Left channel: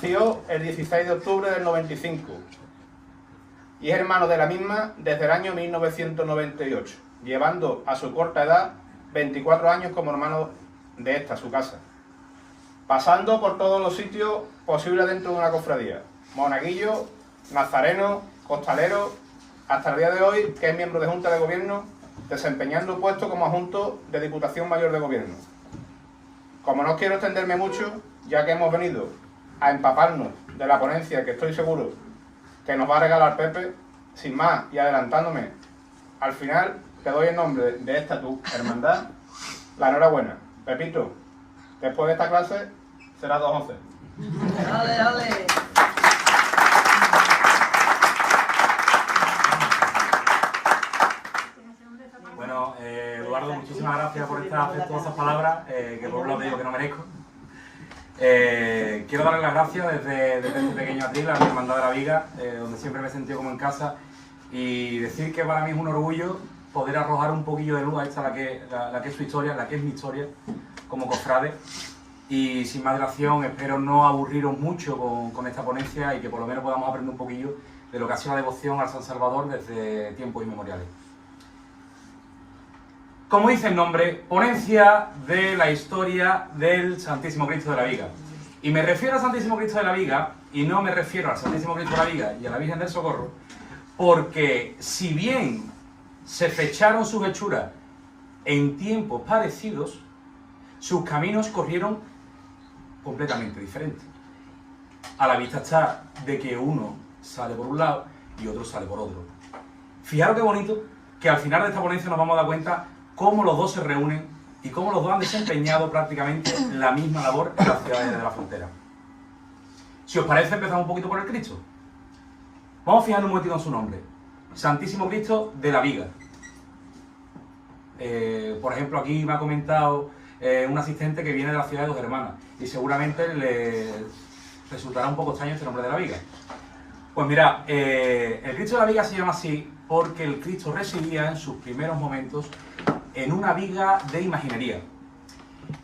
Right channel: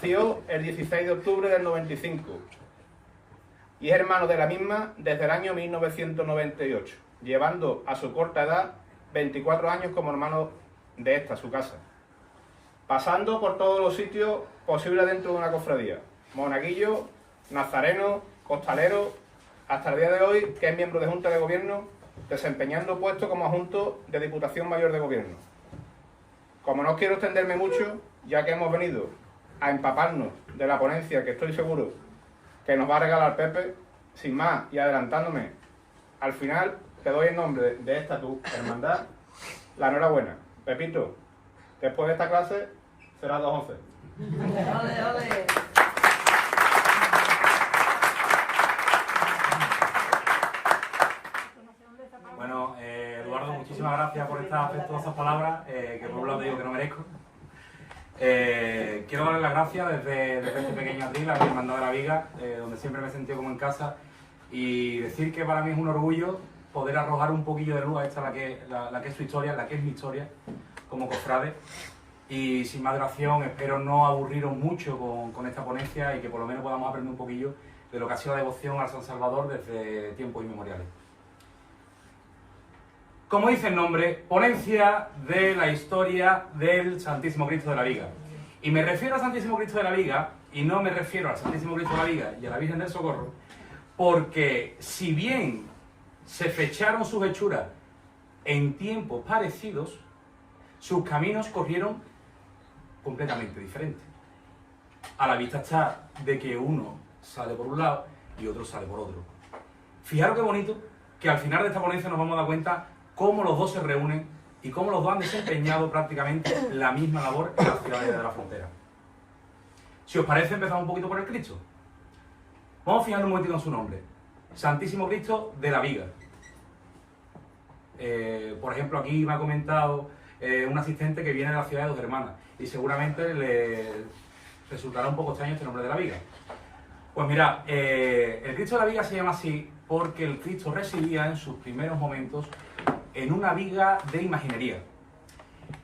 Nació el 16 de octubre del 95 y es hermano de la misma desde el año 1998, llevando a su corta edad 24 años como hermano de esta, su casa, pasando por todos los sitios posibles dentro de una cofradía: monaguillo, nazareno, costalero, hasta el día de hoy que es miembro de Junta de Gobierno, desempeñando puesto como adjunto de Diputación Mayor de Gobierno. Como no quiero extenderme mucho, ya que hemos venido a empaparnos de la ponencia que estoy seguro que nos va a regalar Pepe, sin más y adelantándome, al final te doy en nombre de esta tu hermandad la enhorabuena. Pepito, después de esta clase será 2-11. ¡Dale, dale! Bueno, Eduardo, muchísimas gracias por estas afectuosas palabras, que por un lado digo que no merezco. Quiero darle las gracias desde este pequeño atril a mi Hermandad de la Viga, donde siempre me he sentido como en casa, y decir que para mí es un orgullo poder arrojar un poquillo de luz a esta, la que es su historia, la que es mi historia como cofrade. Y sin más dilación, espero no aburriros mucho con esta ponencia y que por lo menos podamos aprender un poquillo de lo que ha sido la devoción al San Salvador desde tiempos inmemoriales. Como dice el nombre, ponencia de la historia del Santísimo Cristo de la Viga. Y me refiero al Santísimo Cristo de la Viga, y no me refiero al Santísimo Cristo de la Viga y a la Virgen del Socorro, porque si bien se fecharon sus hechuras en tiempos parecidos, sus caminos corrieron completamente diferentes. A la vista está de que uno sale por un lado y otro sale por otro. Fijaros qué bonito que al final de esta ponencia nos vamos a dar cuenta cómo los dos se reúnen y cómo los dos han desempeñado prácticamente la misma labor en las ciudades de la frontera. Si os parece, empezamos un poquito por el Cristo. Vamos a fijarnos un momentito en su nombre. Santísimo Cristo de la Viga. Por ejemplo, aquí me ha comentado un asistente que viene de la ciudad de Dos Hermanas y seguramente le resultará un poco extraño este nombre de la Viga. Pues mirad, el Cristo de la Viga se llama así porque el Cristo residía en sus primeros momentos en una viga de imaginería.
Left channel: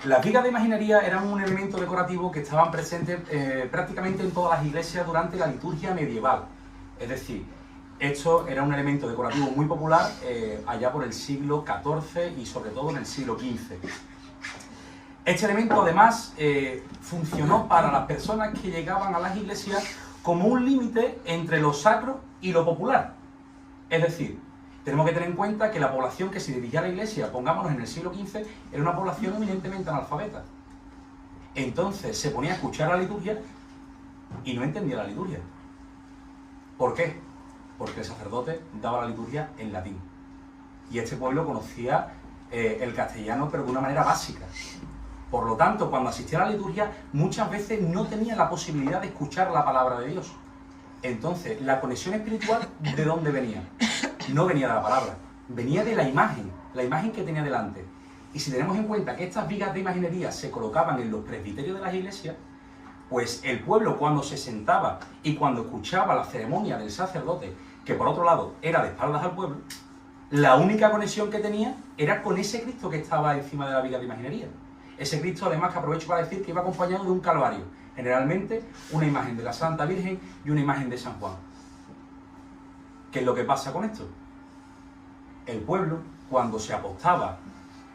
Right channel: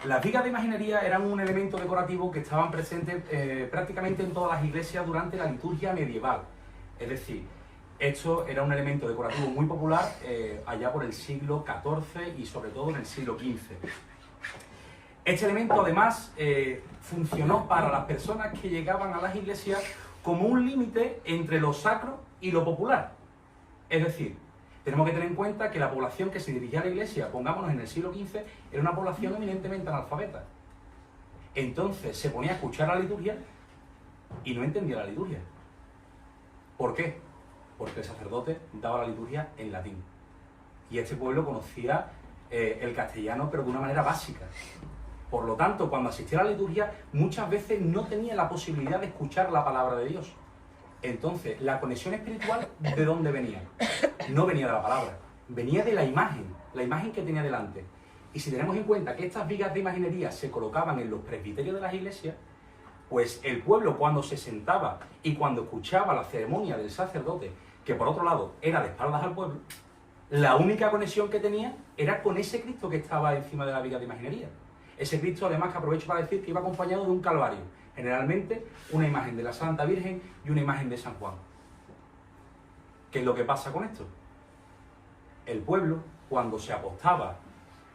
Las vigas de imaginería eran un elemento decorativo que estaban presentes prácticamente en todas las iglesias durante la liturgia medieval. Es decir, esto era un elemento decorativo muy popular allá por el siglo XIV y sobre todo en el siglo XV. Este elemento además funcionó para las personas que llegaban a las iglesias como un límite entre lo sacro y lo popular. Es decir, tenemos que tener en cuenta que la población que se dirigía a la iglesia, pongámonos en el siglo XV, era una población eminentemente analfabeta. Entonces se ponía a escuchar la liturgia y no entendía la liturgia. ¿Por qué? Porque el sacerdote daba la liturgia en latín. Y este pueblo conocía el castellano, pero de una manera básica. Por lo tanto, cuando asistía a la liturgia, muchas veces no tenía la posibilidad de escuchar la palabra de Dios. Entonces, la conexión espiritual, ¿de dónde venía? No venía de la palabra, venía de la imagen que tenía delante. Y si tenemos en cuenta que estas vigas de imaginería se colocaban en los presbiterios de las iglesias, pues el pueblo cuando se sentaba y cuando escuchaba la ceremonia del sacerdote, que por otro lado era de espaldas al pueblo, la única conexión que tenía era con ese Cristo que estaba encima de la viga de imaginería. Ese Cristo, además, que aprovecho para decir que iba acompañado de un calvario, generalmente una imagen de la Santa Virgen y una imagen de San Juan. ¿Qué es lo que pasa con esto? El pueblo, cuando se apostaba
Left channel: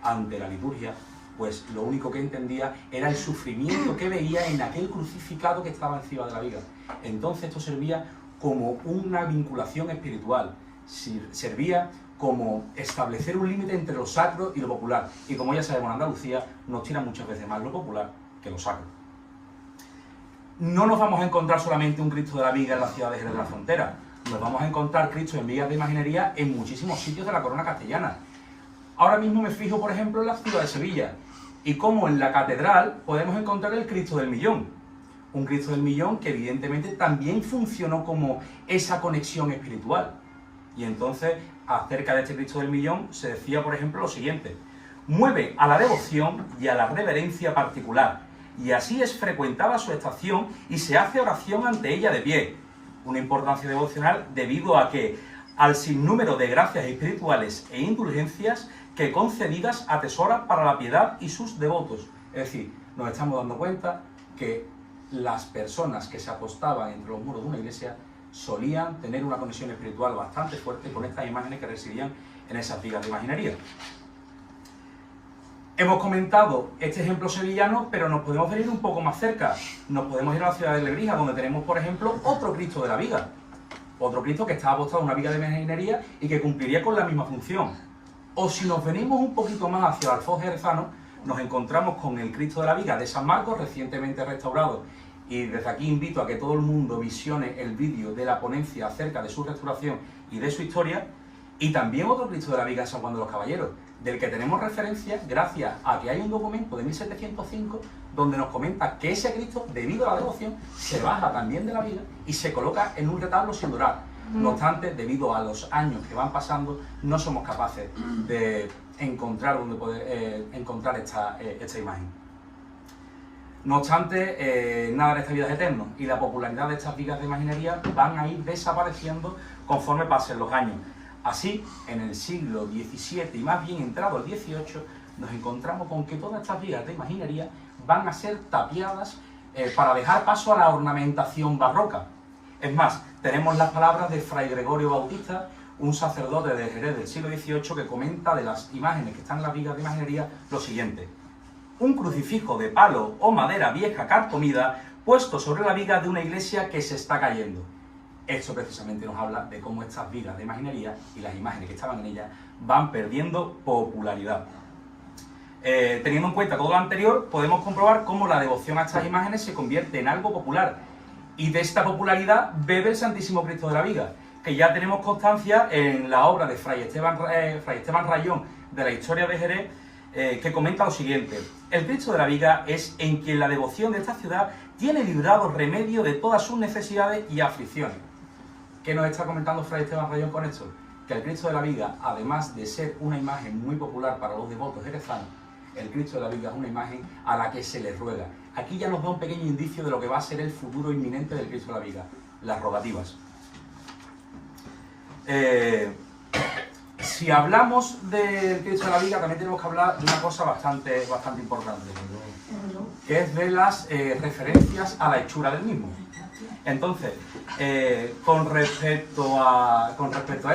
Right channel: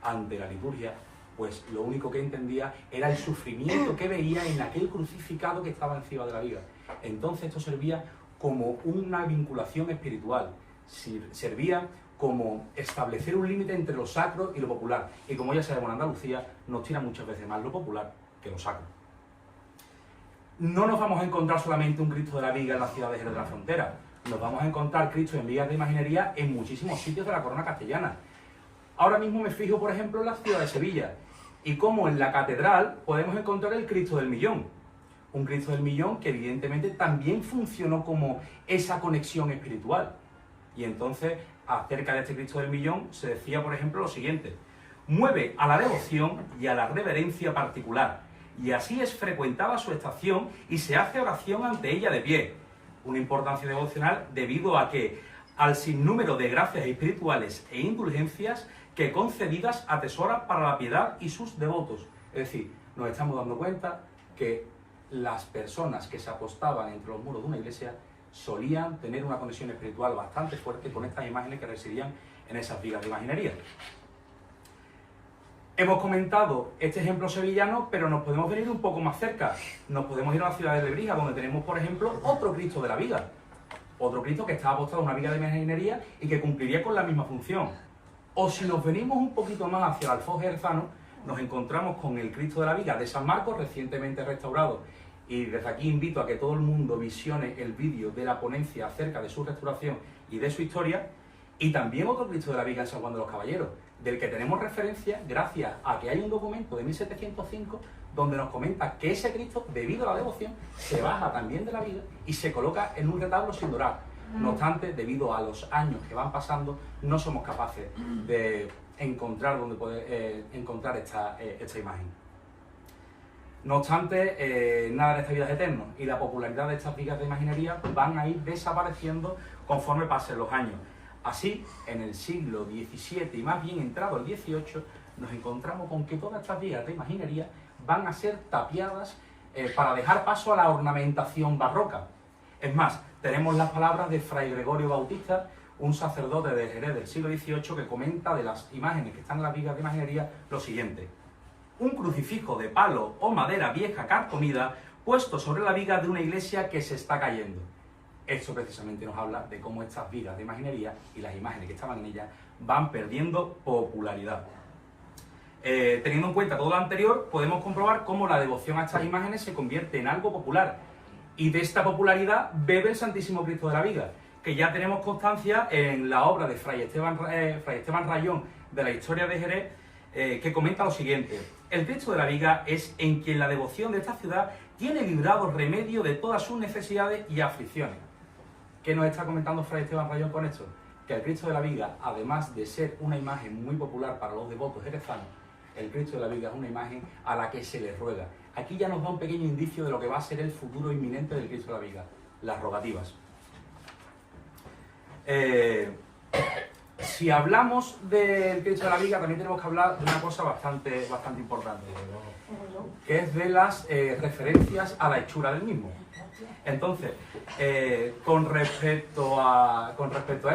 ante la liturgia, pues lo único que entendía era el sufrimiento que veía en aquel crucificado que estaba encima de la viga. Entonces esto servía como una vinculación espiritual, servía como establecer un límite entre lo sacro y lo popular. Y como ya sabemos, en Andalucía nos tira muchas veces más lo popular que lo sacro. No nos vamos a encontrar solamente un Cristo de la Viga en las ciudades de la frontera. Nos vamos a encontrar Cristo en vigas de imaginería en muchísimos sitios de la corona castellana. Ahora mismo me fijo, por ejemplo, en la ciudad de Sevilla. Y como en la catedral podemos encontrar el Cristo del Millón. Un Cristo del Millón que evidentemente también funcionó como esa conexión espiritual. Y entonces, acerca de este Cristo del Millón, se decía, por ejemplo, lo siguiente: mueve a la devoción y a la reverencia particular, y así es frecuentada su estación y se hace oración ante ella de pie. Una importancia devocional debido a que, al sinnúmero de gracias espirituales e indulgencias que concedidas atesora para la piedad y sus devotos. Es decir, nos estamos dando cuenta que las personas que se apostaban entre los muros de una iglesia solían tener una conexión espiritual bastante fuerte con estas imágenes que residían en esas vigas de imaginería. Hemos comentado este ejemplo sevillano, pero nos podemos venir un poco más cerca. Nos podemos ir a la ciudad de Lebrija, donde tenemos, por ejemplo, otro Cristo de la Viga. Otro Cristo que está apostado en una viga de imaginería y que cumpliría con la misma función. O si nos venimos un poquito más hacia el Alfoz jerezano, nos encontramos con el Cristo de la Viga de San Marcos, recientemente restaurado. Y desde aquí invito a que todo el mundo visione el vídeo de la ponencia acerca de su restauración y de su historia. Y también otro Cristo de la Viga en San Juan de los Caballeros, del que tenemos referencia gracias a que hay un documento de 1705 donde nos comenta que ese Cristo, debido a la devoción, se baja también de la viga y se coloca en un retablo sin dorar. No obstante, debido a los años que van pasando, no somos capaces de encontrar donde poder encontrar esta imagen. No obstante, nada en esta vida es eterno y la popularidad de estas vigas de imaginería van a ir desapareciendo conforme pasen los años. Así, en el siglo XVII y más bien entrado el XVIII, nos encontramos con que todas estas vigas de imaginería van a ser tapiadas para dejar paso a la ornamentación barroca. Es más, tenemos las palabras de Fray Gregorio Bautista, un sacerdote de Jerez del siglo XVIII, que comenta de las imágenes que están en las vigas de imaginería lo siguiente: un crucifijo de palo o madera vieja carcomida puesto sobre la viga de una iglesia que se está cayendo. Esto precisamente nos habla de cómo estas vigas de imaginería y las imágenes que estaban en ellas van perdiendo popularidad. Teniendo en cuenta todo lo anterior, podemos comprobar cómo la devoción a estas imágenes se convierte en algo popular. Y de esta popularidad bebe el Santísimo Cristo de la Viga, que ya tenemos constancia en la obra de Fray Esteban Rayón de la Historia de Jerez, que comenta lo siguiente: el Cristo de la Viga es en quien la devoción de esta ciudad tiene librado remedio de todas sus necesidades y aflicciones. ¿Qué nos está comentando Fray Esteban Rayón con esto? Que el Cristo de la Viga, además de ser una imagen muy popular para los devotos jerezanos, el Cristo de la Viga es una imagen a la que se le ruega. Aquí ya nos da un pequeño indicio de lo que va a ser el futuro inminente del Cristo de la Viga: las rogativas. Si hablamos del Cristo de la Viga, también tenemos que hablar de una cosa bastante importante, que es de las referencias a la hechura del mismo. Entonces, con respecto a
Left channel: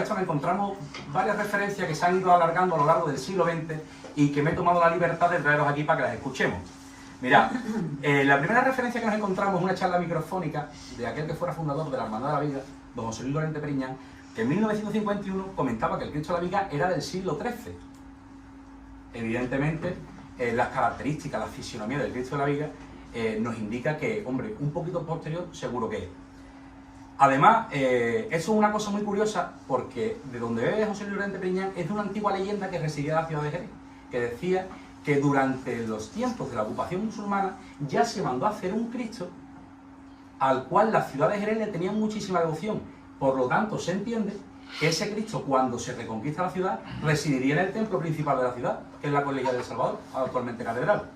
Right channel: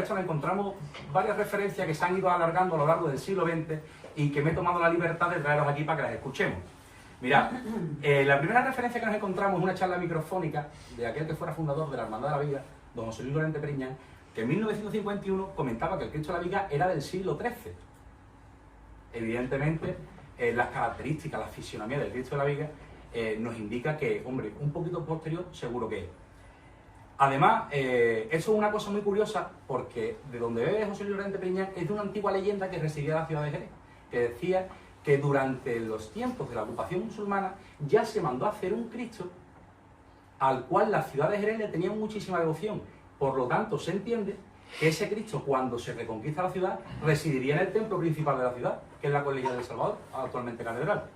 esto, encontramos varias referencias que se han ido alargando a lo largo del siglo XX y que me he tomado la libertad de traeros aquí para que las escuchemos. Mirad, la primera referencia que nos encontramos es una charla microfónica de aquel que fuera fundador de la Hermandad de la Viga, don José Luis Lorente Periñán, que en 1951 comentaba que el Cristo de la Viga era del siglo XIII. Evidentemente, las características, la fisionomía del Cristo de la Viga nos indica que, hombre, un poquito posterior seguro que es. Además, eso es una cosa muy curiosa, porque de donde ve José Luis Lorente Periñán es de una antigua leyenda que residía en la ciudad de Jerez, que decía que durante los tiempos de la ocupación musulmana ya se mandó a hacer un Cristo al cual la ciudad de Jerez le tenía muchísima devoción. Por lo tanto, se entiende que ese Cristo, cuando se reconquista la ciudad, residiría en el templo principal de la ciudad, que es la Colegia del Salvador, actualmente catedral.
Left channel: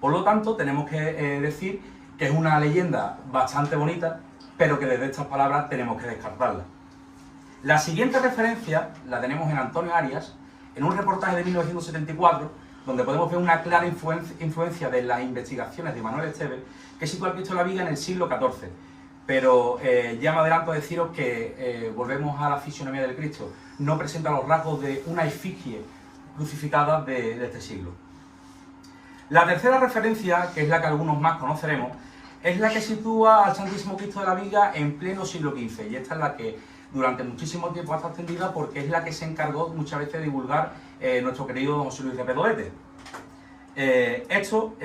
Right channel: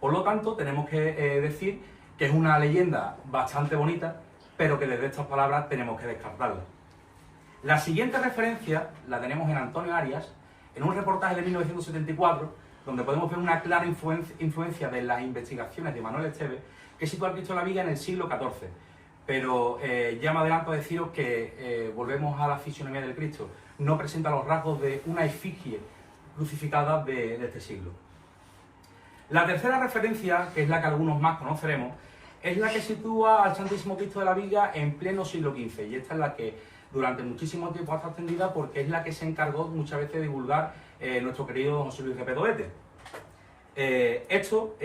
Por lo tanto, tenemos que decir que es una leyenda bastante bonita, pero que desde estas palabras tenemos que descartarla. La siguiente referencia la tenemos en Antonio Arias, en un reportaje de 1974, donde podemos ver una clara influencia de las investigaciones de Manuel Esteves, que sitúa al Cristo de la Viga en el siglo XIV. Pero ya me adelanto a deciros que volvemos a la fisionomía del Cristo. No presenta los rasgos de una efigie crucificada de este siglo. La tercera referencia, que es la que algunos más conoceremos, es la que sitúa al Santísimo Cristo de la Viga en pleno siglo XV. Y esta es la que durante muchísimo tiempo ha estado extendida, porque es la que se encargó muchas veces de divulgar nuestro querido don José Luis de Pedoete. Esto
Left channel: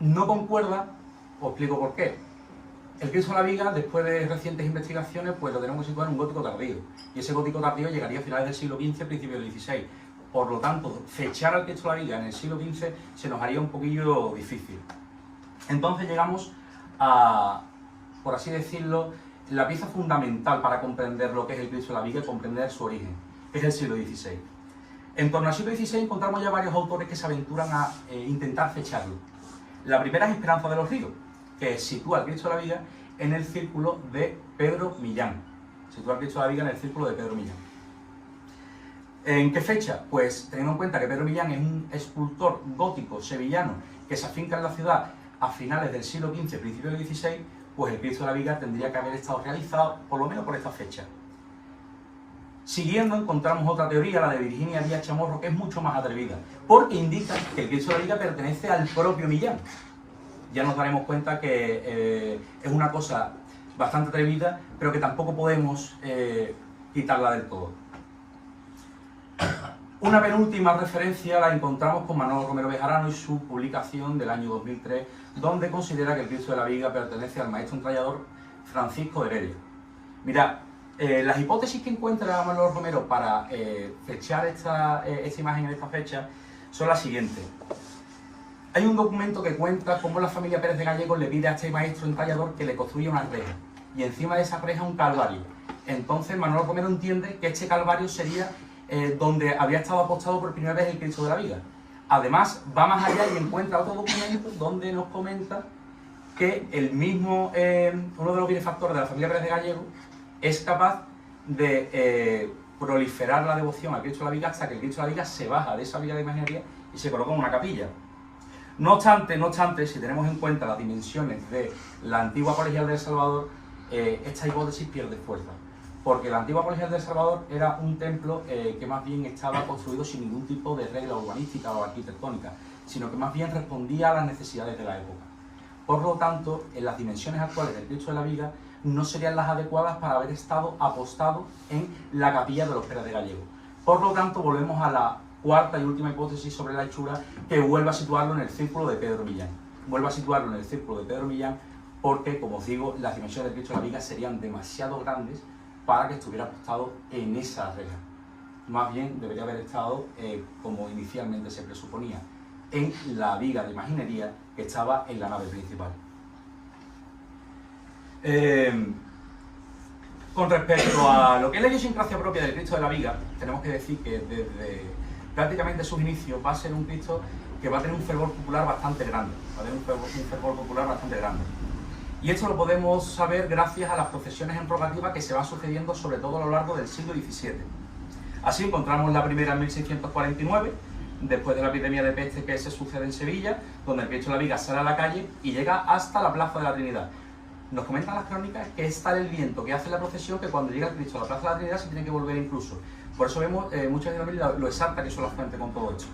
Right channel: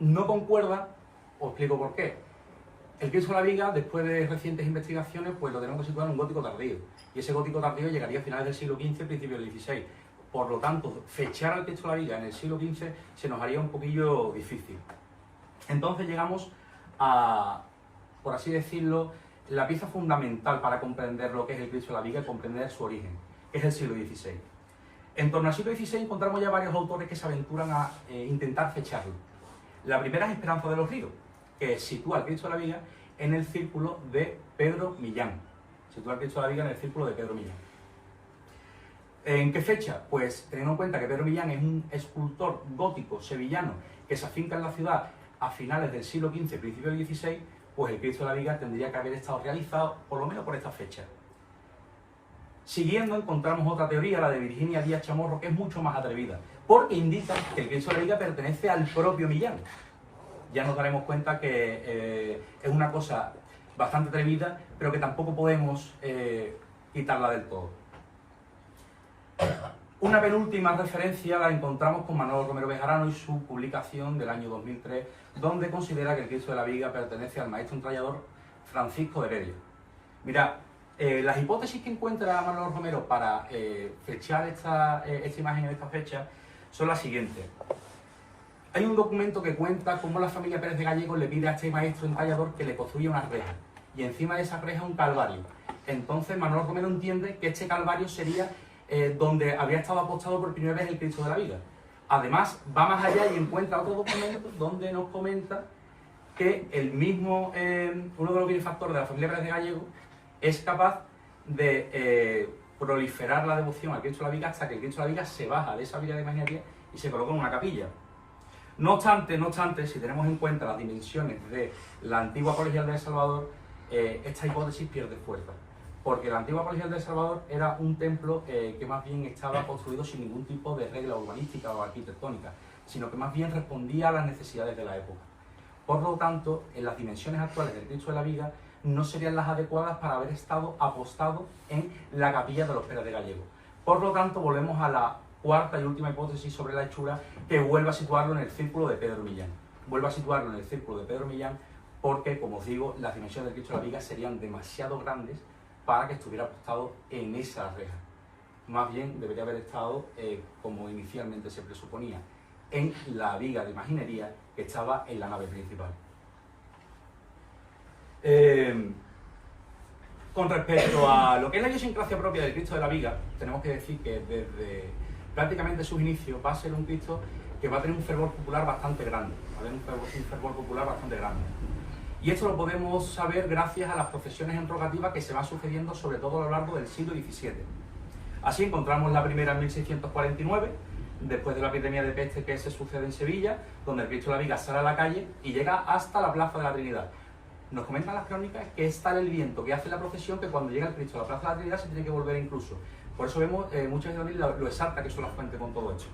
no concuerda, os explico por qué. El Cristo de la Viga, después de recientes investigaciones, pues lo tenemos que situar en un gótico tardío. Y ese gótico tardío llegaría a finales del siglo XV, principios del XVI. Por lo tanto, fechar al Cristo de la Viga en el siglo XV se nos haría un poquillo difícil. Entonces llegamos a, por así decirlo, la pieza fundamental para comprender lo que es el Cristo de la Viga y comprender su origen, que es el siglo XVI. En torno al siglo XVI encontramos ya varios autores que se aventuran a intentar fecharlo. La primera es Esperanza de los Ríos, que sitúa al Cristo de la Viga en el círculo de Pedro Millán. Sitúa al Cristo de la Viga en el círculo de Pedro Millán. ¿En qué fecha? Pues teniendo en cuenta que Pedro Millán es un escultor gótico sevillano que se afinca en la ciudad a finales del siglo XV, principios del XVI, pues el Cristo de la Viga tendría que haber estado realizado por lo menos por esta fecha. Siguiendo encontramos otra teoría, la de Virginia Díaz Chamorro, que es mucho más atrevida, porque indica que el Cristo de la Viga pertenece al propio Millán. Ya nos daremos cuenta que es una cosa bastante atrevida, pero que tampoco podemos quitarla del todo. Una penúltima referencia la encontramos con Manolo Romero Bejarano y su publicación del año 2003, donde considera que el Cristo de la Viga pertenece al maestro entallador Francisco de Heredia. Mirad, las hipótesis que encuentra Manolo Romero para fechar esta imagen en esta fecha son las siguientes. Hay un documento que cuenta cómo la familia Pérez de Gallegos le pide a este maestro entallador que le construya una reja, y encima de esa reja un calvario. Entonces Manolo Romero entiende que este calvario sería donde había estado apostado por primera vez el Cristo de la Viga. Además, va más allá y encuentra otro documento donde nos comenta que el mismo, uno de los benefactores de la familia Pérez de Gallegos es capaz de proliferar la devoción al Cristo de la Viga hasta que el Cristo de la Viga se baja de esa viga de imaginería y se coloca en una capilla. No obstante, si tenemos en cuenta las dimensiones de la antigua Colegial de El Salvador, esta hipótesis pierde fuerza. Porque la antigua Colegial de El Salvador era un templo que más bien estaba construido sin ningún tipo de regla urbanística o arquitectónica, sino que más bien respondía a las necesidades de la época. Por lo tanto, en las dimensiones actuales del Cristo de la Viga no serían las adecuadas para haber estado apostado en la capilla de los Pérez de Gallegos. Por lo tanto, volvemos a la cuarta y última hipótesis sobre la hechura, que vuelve a situarlo en el círculo de Pedro Millán. Vuelve a situarlo en el círculo de Pedro Millán porque, como os digo, las dimensiones del Cristo de la Viga serían demasiado grandes para que estuviera apostado en esa reja. Más bien debería haber estado, como inicialmente se presuponía, en la viga de imaginería que estaba en la nave principal. Con respecto a lo que es la idiosincrasia propia del Cristo de la Viga, tenemos que decir que desde prácticamente sus inicios va a ser un Cristo que va a tener un fervor popular bastante grande. Va a tener un fervor popular bastante grande. Y esto lo podemos saber gracias a las procesiones en rogativa que se van sucediendo sobre todo a lo largo del siglo XVII. Así encontramos la primera en 1649, después de la epidemia de peste que se sucede en Sevilla, donde el Cristo de la Viga sale a la calle y llega hasta la Plaza de la Trinidad. Nos comentan las crónicas que es tal el viento que hace la procesión que cuando llega el Cristo a la Plaza de la Trinidad se tiene que volver incluso. Por eso vemos muchas veces lo exacta que son las fuentes con todo esto.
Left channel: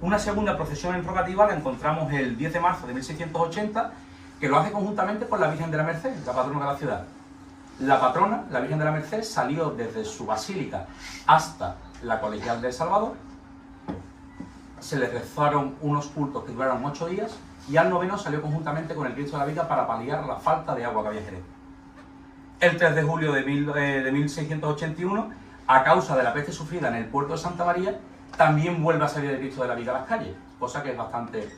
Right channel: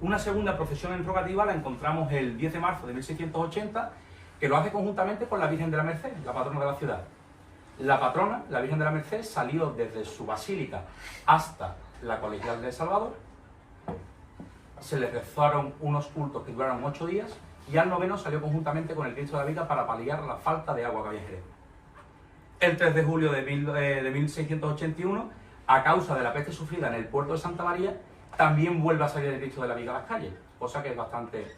Una segunda procesión en rogativa la encontramos el 10 de marzo de 1680, que lo hace conjuntamente con la Virgen de la Merced, la patrona de la ciudad. La patrona, la Virgen de la Merced, salió desde su basílica hasta la Colegial de El Salvador. Se le rezaron unos cultos que duraron 8 días y al noveno salió conjuntamente con el Cristo de la Viga para paliar la falta de agua que había en Jerez. El 3 de julio de 1681, a causa de la peste sufrida en el puerto de Santa María, también vuelve a salir el Cristo de la Viga a las calles, cosa que es bastante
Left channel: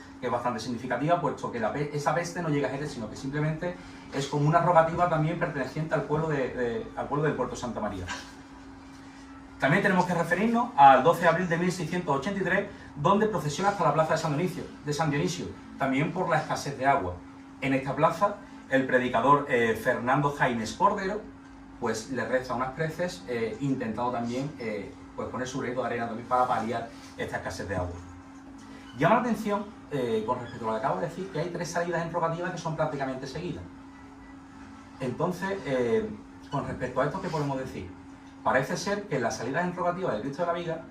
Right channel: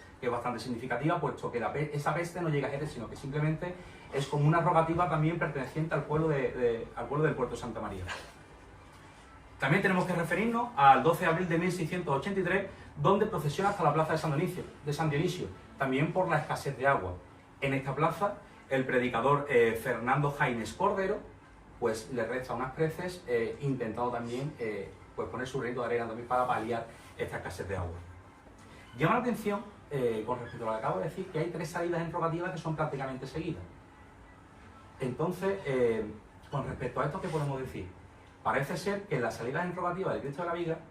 significativa, puesto que esa peste no llega a Jerez, sino que simplemente es como una rogativa también perteneciente al pueblo del puerto de Santa María. También tenemos que referirnos al 12 de abril de 1683, donde procesiona hasta la plaza de San Dionisio, también por la escasez de agua. En esta plaza, el predicador Fernando Jaime Cordero pues le reza unas preces, intentando también pues poner su granito de arena también para paliar esta escasez de agua. Llama la atención, con respecto a lo que acabo de decir, que hay 3 salidas en rogativas que son prácticamente seguidas. Entonces, con respecto a esto, ¿qué podemos decir? Parece ser que las salidas en rogativas del Cristo de la Viga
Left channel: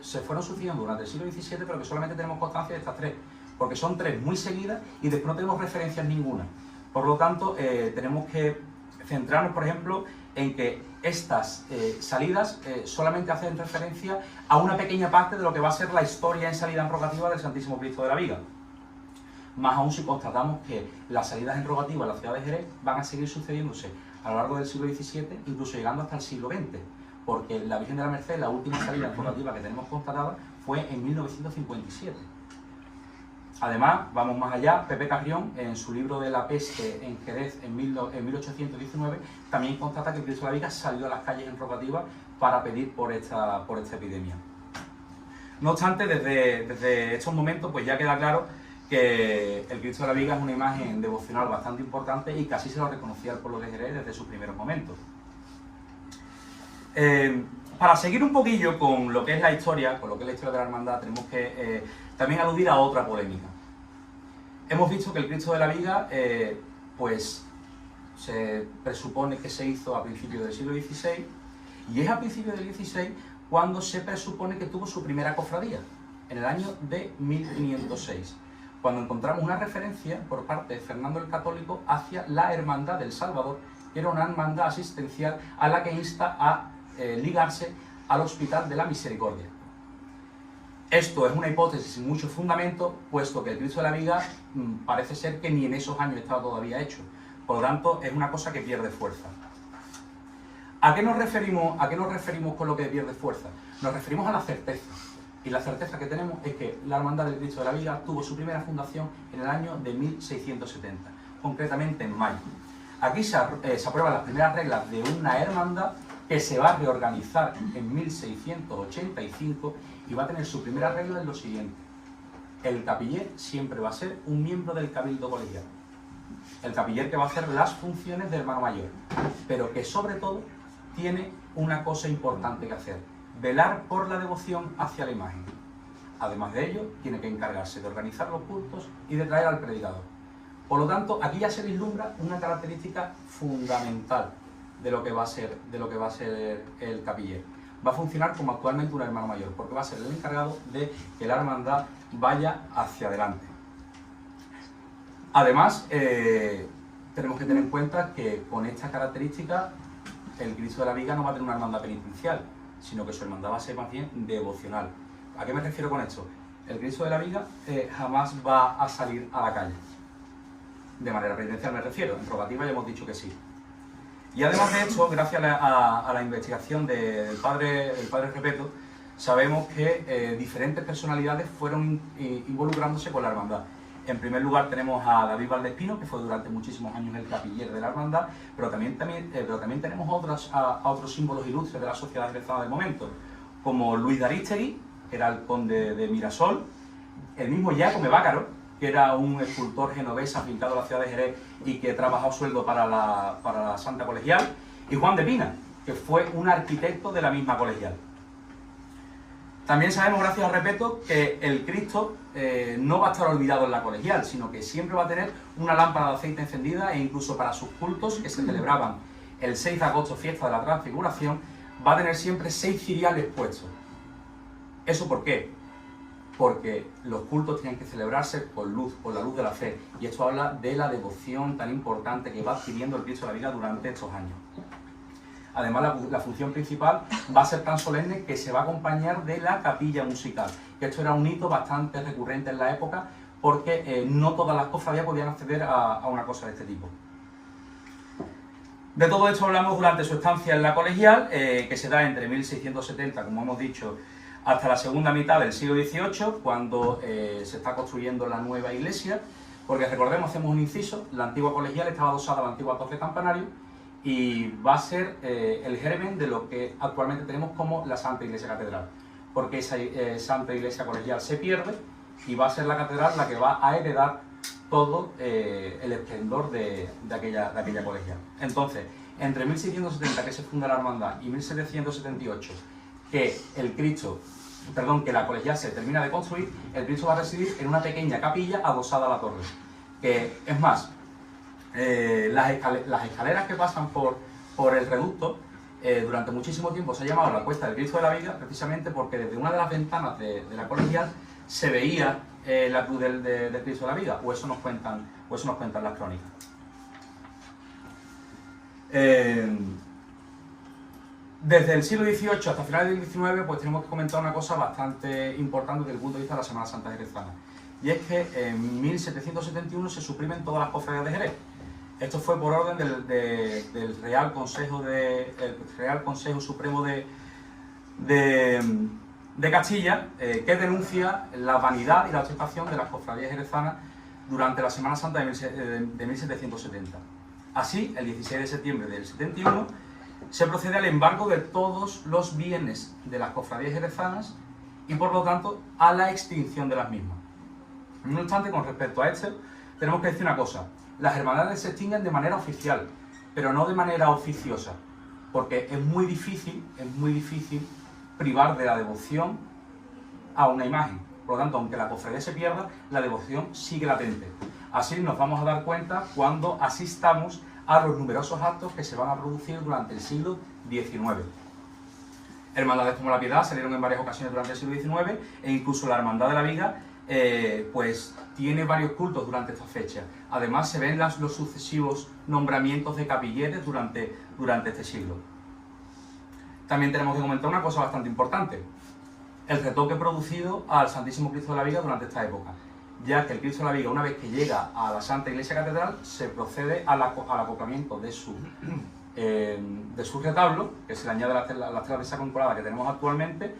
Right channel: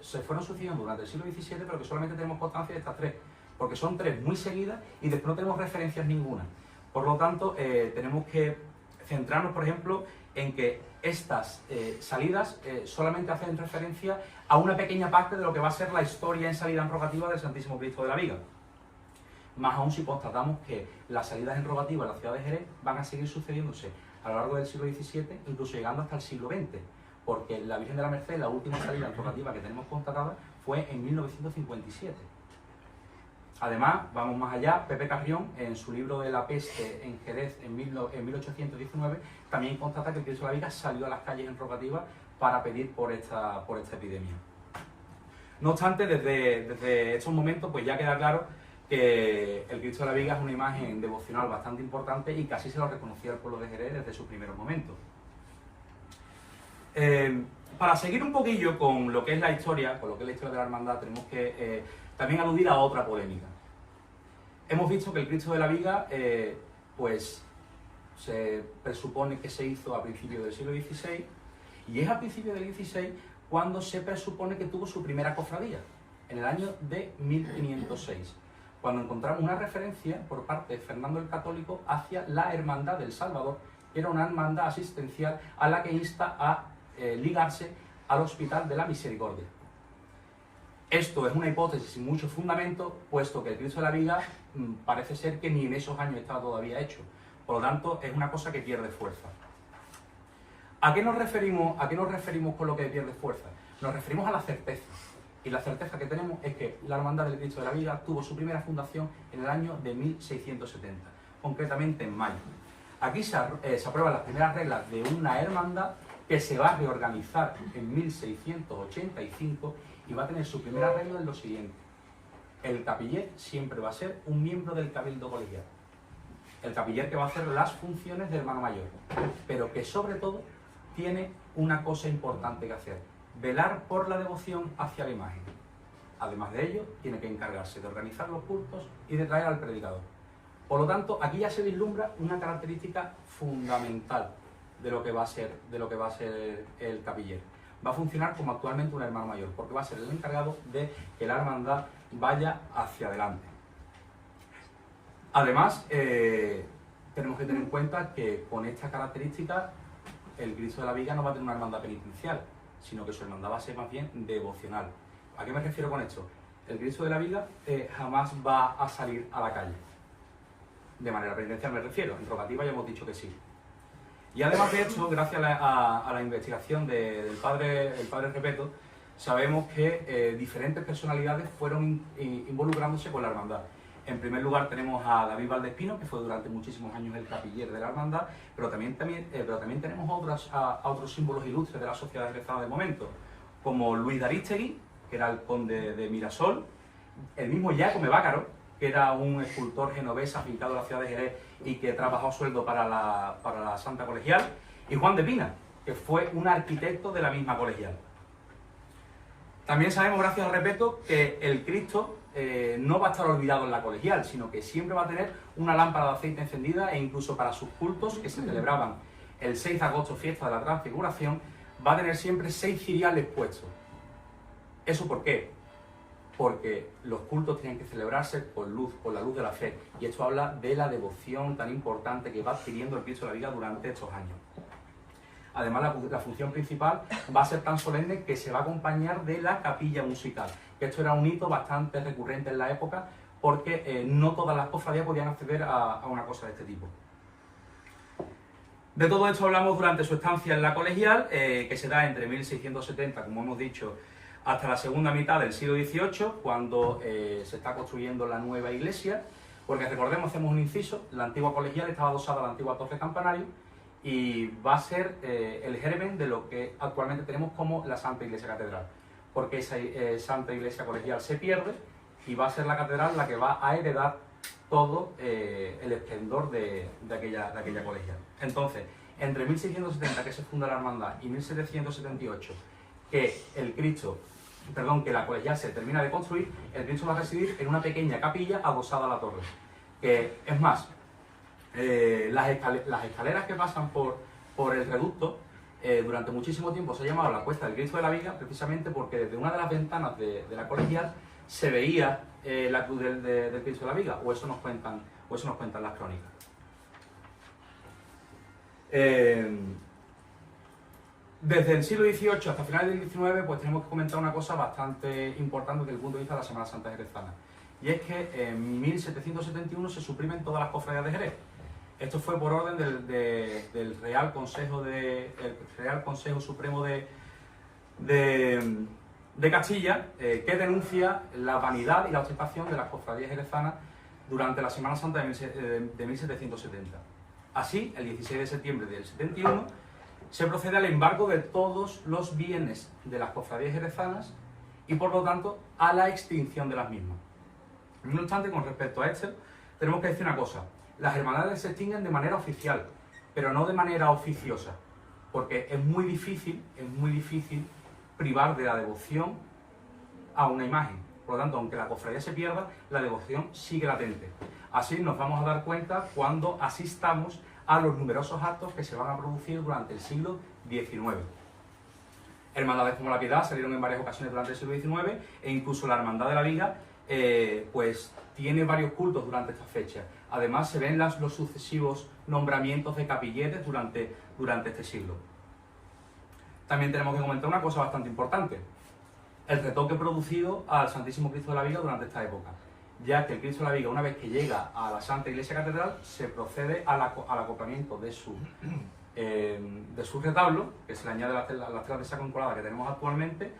se fueron sucediendo durante el siglo XVII, pero que solamente tenemos constancia de estas 3, porque son 3 muy seguidas y después no tenemos referencias ninguna. Por lo tanto, tenemos que centrarnos, por ejemplo, en que estas salidas solamente hacen referencia a una pequeña parte de lo que va a ser la historia en salida en rogativa del Santísimo Cristo de la Viga. Más aún si constatamos que las salidas en rogativa en la ciudad de Jerez van a seguir sucediéndose a lo largo del siglo XVII, incluso llegando hasta el siglo XX, porque la Virgen de la Merced, la última salida en rogativa que tenemos constatada, fue en 1957. Además, vamos más allá, Pepe Carrión, en su libro de la peste en Jerez en 1819, también constata que el Cristo de la Viga salió a las calles en rogativa para pedir por esta epidemia. No obstante, desde estos momentos pues ya queda claro que el Cristo de la Viga es una imagen devocional bastante importante y casi se lo reconocía al pueblo de Jerez desde sus primeros momentos. Para seguir un poquillo con lo que es la historia, de la hermandad, tenemos que también aludir a otra polémica. hemos visto que el Cristo de la Viga, pues se presupone que se hizo a principios del siglo XVI, y es a principios del XVI cuando se presupone que tuvo su primera cofradía, en el año de 1506, cuando encontramos una referencia por parte de Fernando el Católico hacia la Hermandad del Salvador, que era una hermandad asistencial a la que insta a ligarse al Hospital de la Misericordia. Esto es una hipótesis sin mucho fundamento, puesto que el Cristo de la Viga parece ser que ni en esos años estaba todavía hecho. Por lo tanto, es una cosa que pierde fuerza. ¿A qué nos referimos con lo que pierde fuerza? Nos referimos a la certeza. Y la certeza que tenemos es que la Hermandad del Cristo de la Viga tuvo su primera fundación en el año de 1670, concretamente en mayo. Aquí se aprueban las primeras reglas de una hermandad que se va a reorganizar en 1685 y va a tener su primera regla en lo siguiente. El capiller siempre va a ser un miembro del cabildo colegial. El capiller que va a hacer las funciones de hermano mayor, pero que sobre todo tiene una cosa importante que hacer: velar por la devoción hacia la imagen. Además de ello, tiene que encargarse de organizar los cultos y de traer al predicador. Por lo tanto, aquí ya se vislumbra una característica fundamental de lo que va a ser el capiller. Va a funcionar como actualmente un hermano mayor, porque va a ser el encargado de que la hermandad vaya hacia adelante. Además, tenemos que tener en cuenta que con esta característica el Cristo de la Viga no va a tener una hermandad penitencial, sino que su hermandad va a ser más bien devocional. ¿A qué me refiero con esto? El Cristo de la Viga jamás va a salir a la calle. De manera penitencial me refiero, en rogativa ya hemos dicho que sí. Y además de esto, gracias a la investigación del padre Repeto, sabemos que diferentes personalidades fueron involucrándose con la hermandad. En primer lugar tenemos a David Valdespino, que fue durante muchísimos años el capiller de la hermandad, pero también tenemos a otros símbolos ilustres de la sociedad jerezana del momento, como Luis de Arístegui, que era el conde de Mirasol, el mismo Giacomo Bácaro, que era un escultor genovés afincado a la ciudad de Jerez y que trabajó a sueldo para la Santa Colegial, y Juan de Pina, que fue un arquitecto de la misma colegial. También sabemos, gracias a Repeto, que el Cristo no va a estar olvidado en la colegial, sino que siempre va a tener una lámpara de aceite encendida, e incluso para sus cultos, que se celebraban el 6 de agosto, fiesta de la Transfiguración, va a tener siempre 6 ciriales puestos. ¿Eso por qué? Porque los cultos tienen que celebrarse con luz, con la luz de la fe, y esto habla de la devoción tan importante que va adquiriendo el Cristo de la Viga durante estos años. Además, la función principal va a ser tan solemne que se va a acompañar de la capilla musical, que esto era un hito bastante recurrente en la época, porque no todas las cofradías podían acceder a una cosa de este tipo. De todo esto hablamos durante su estancia en la colegial, que se da entre 1670, como hemos dicho, hasta la segunda mitad del siglo XVIII, cuando se está construyendo la nueva iglesia, porque recordemos, hacemos un inciso, la antigua colegial estaba adosada a la antigua torre campanario y va a ser el germen de lo que actualmente tenemos como la Santa Iglesia Catedral, porque esa Santa Iglesia Colegial se pierde y va a ser la catedral la que va a heredar todo el esplendor de aquella colegial. Entonces, entre 1670, que se funda la hermandad, y 1778, que la colegial se termina de construir, el Cristo va a residir en una pequeña capilla adosada a la torre. Es más, las escaleras que pasan por el reducto, durante muchísimo tiempo se ha llamado la Cuesta del Cristo de la Viga, precisamente porque desde una de las ventanas de la colegial se veía la cruz del Cristo de la Viga, o eso nos cuentan las crónicas. Desde el siglo XVIII hasta finales del XIX, pues tenemos que comentar una cosa bastante importante desde el punto de vista de la Semana Santa jerezana. Y es que en 1771 se suprimen todas las cofradías de Jerez. Esto fue por orden del Real Consejo Supremo de Castilla, que denuncia la vanidad y la ostentación de las cofradías jerezanas durante la Semana Santa de 1770. Así, el 16 de septiembre del 71, se procede al embargo de todos los bienes de las cofradías jerezanas y, por lo tanto, a la extinción de las mismas. No obstante, con respecto a esto, tenemos que decir una cosa: las hermandades se extinguen de manera oficial, pero no de manera oficiosa, porque es muy difícil privar de la devoción a una imagen. Por lo tanto, aunque la cofradía se pierda, la devoción sigue latente. Así nos vamos a dar cuenta cuando asistamos a los numerosos actos que se van a producir durante el siglo XIX. Hermandades como la Piedad salieron en varias ocasiones durante el siglo XIX e incluso la Hermandad de la Viga pues tiene varios cultos durante esta fecha. Además se ven los sucesivos nombramientos de capilletes durante este siglo. También tenemos que comentar una cosa bastante importante: el retoque producido al Santísimo Cristo de la Viga durante esta época, ya que el Cristo de la Viga, una vez que llega a la Santa Iglesia Catedral, se procede al acoplamiento de su retablo, que se le añade las telas de esa temporada que tenemos actualmente,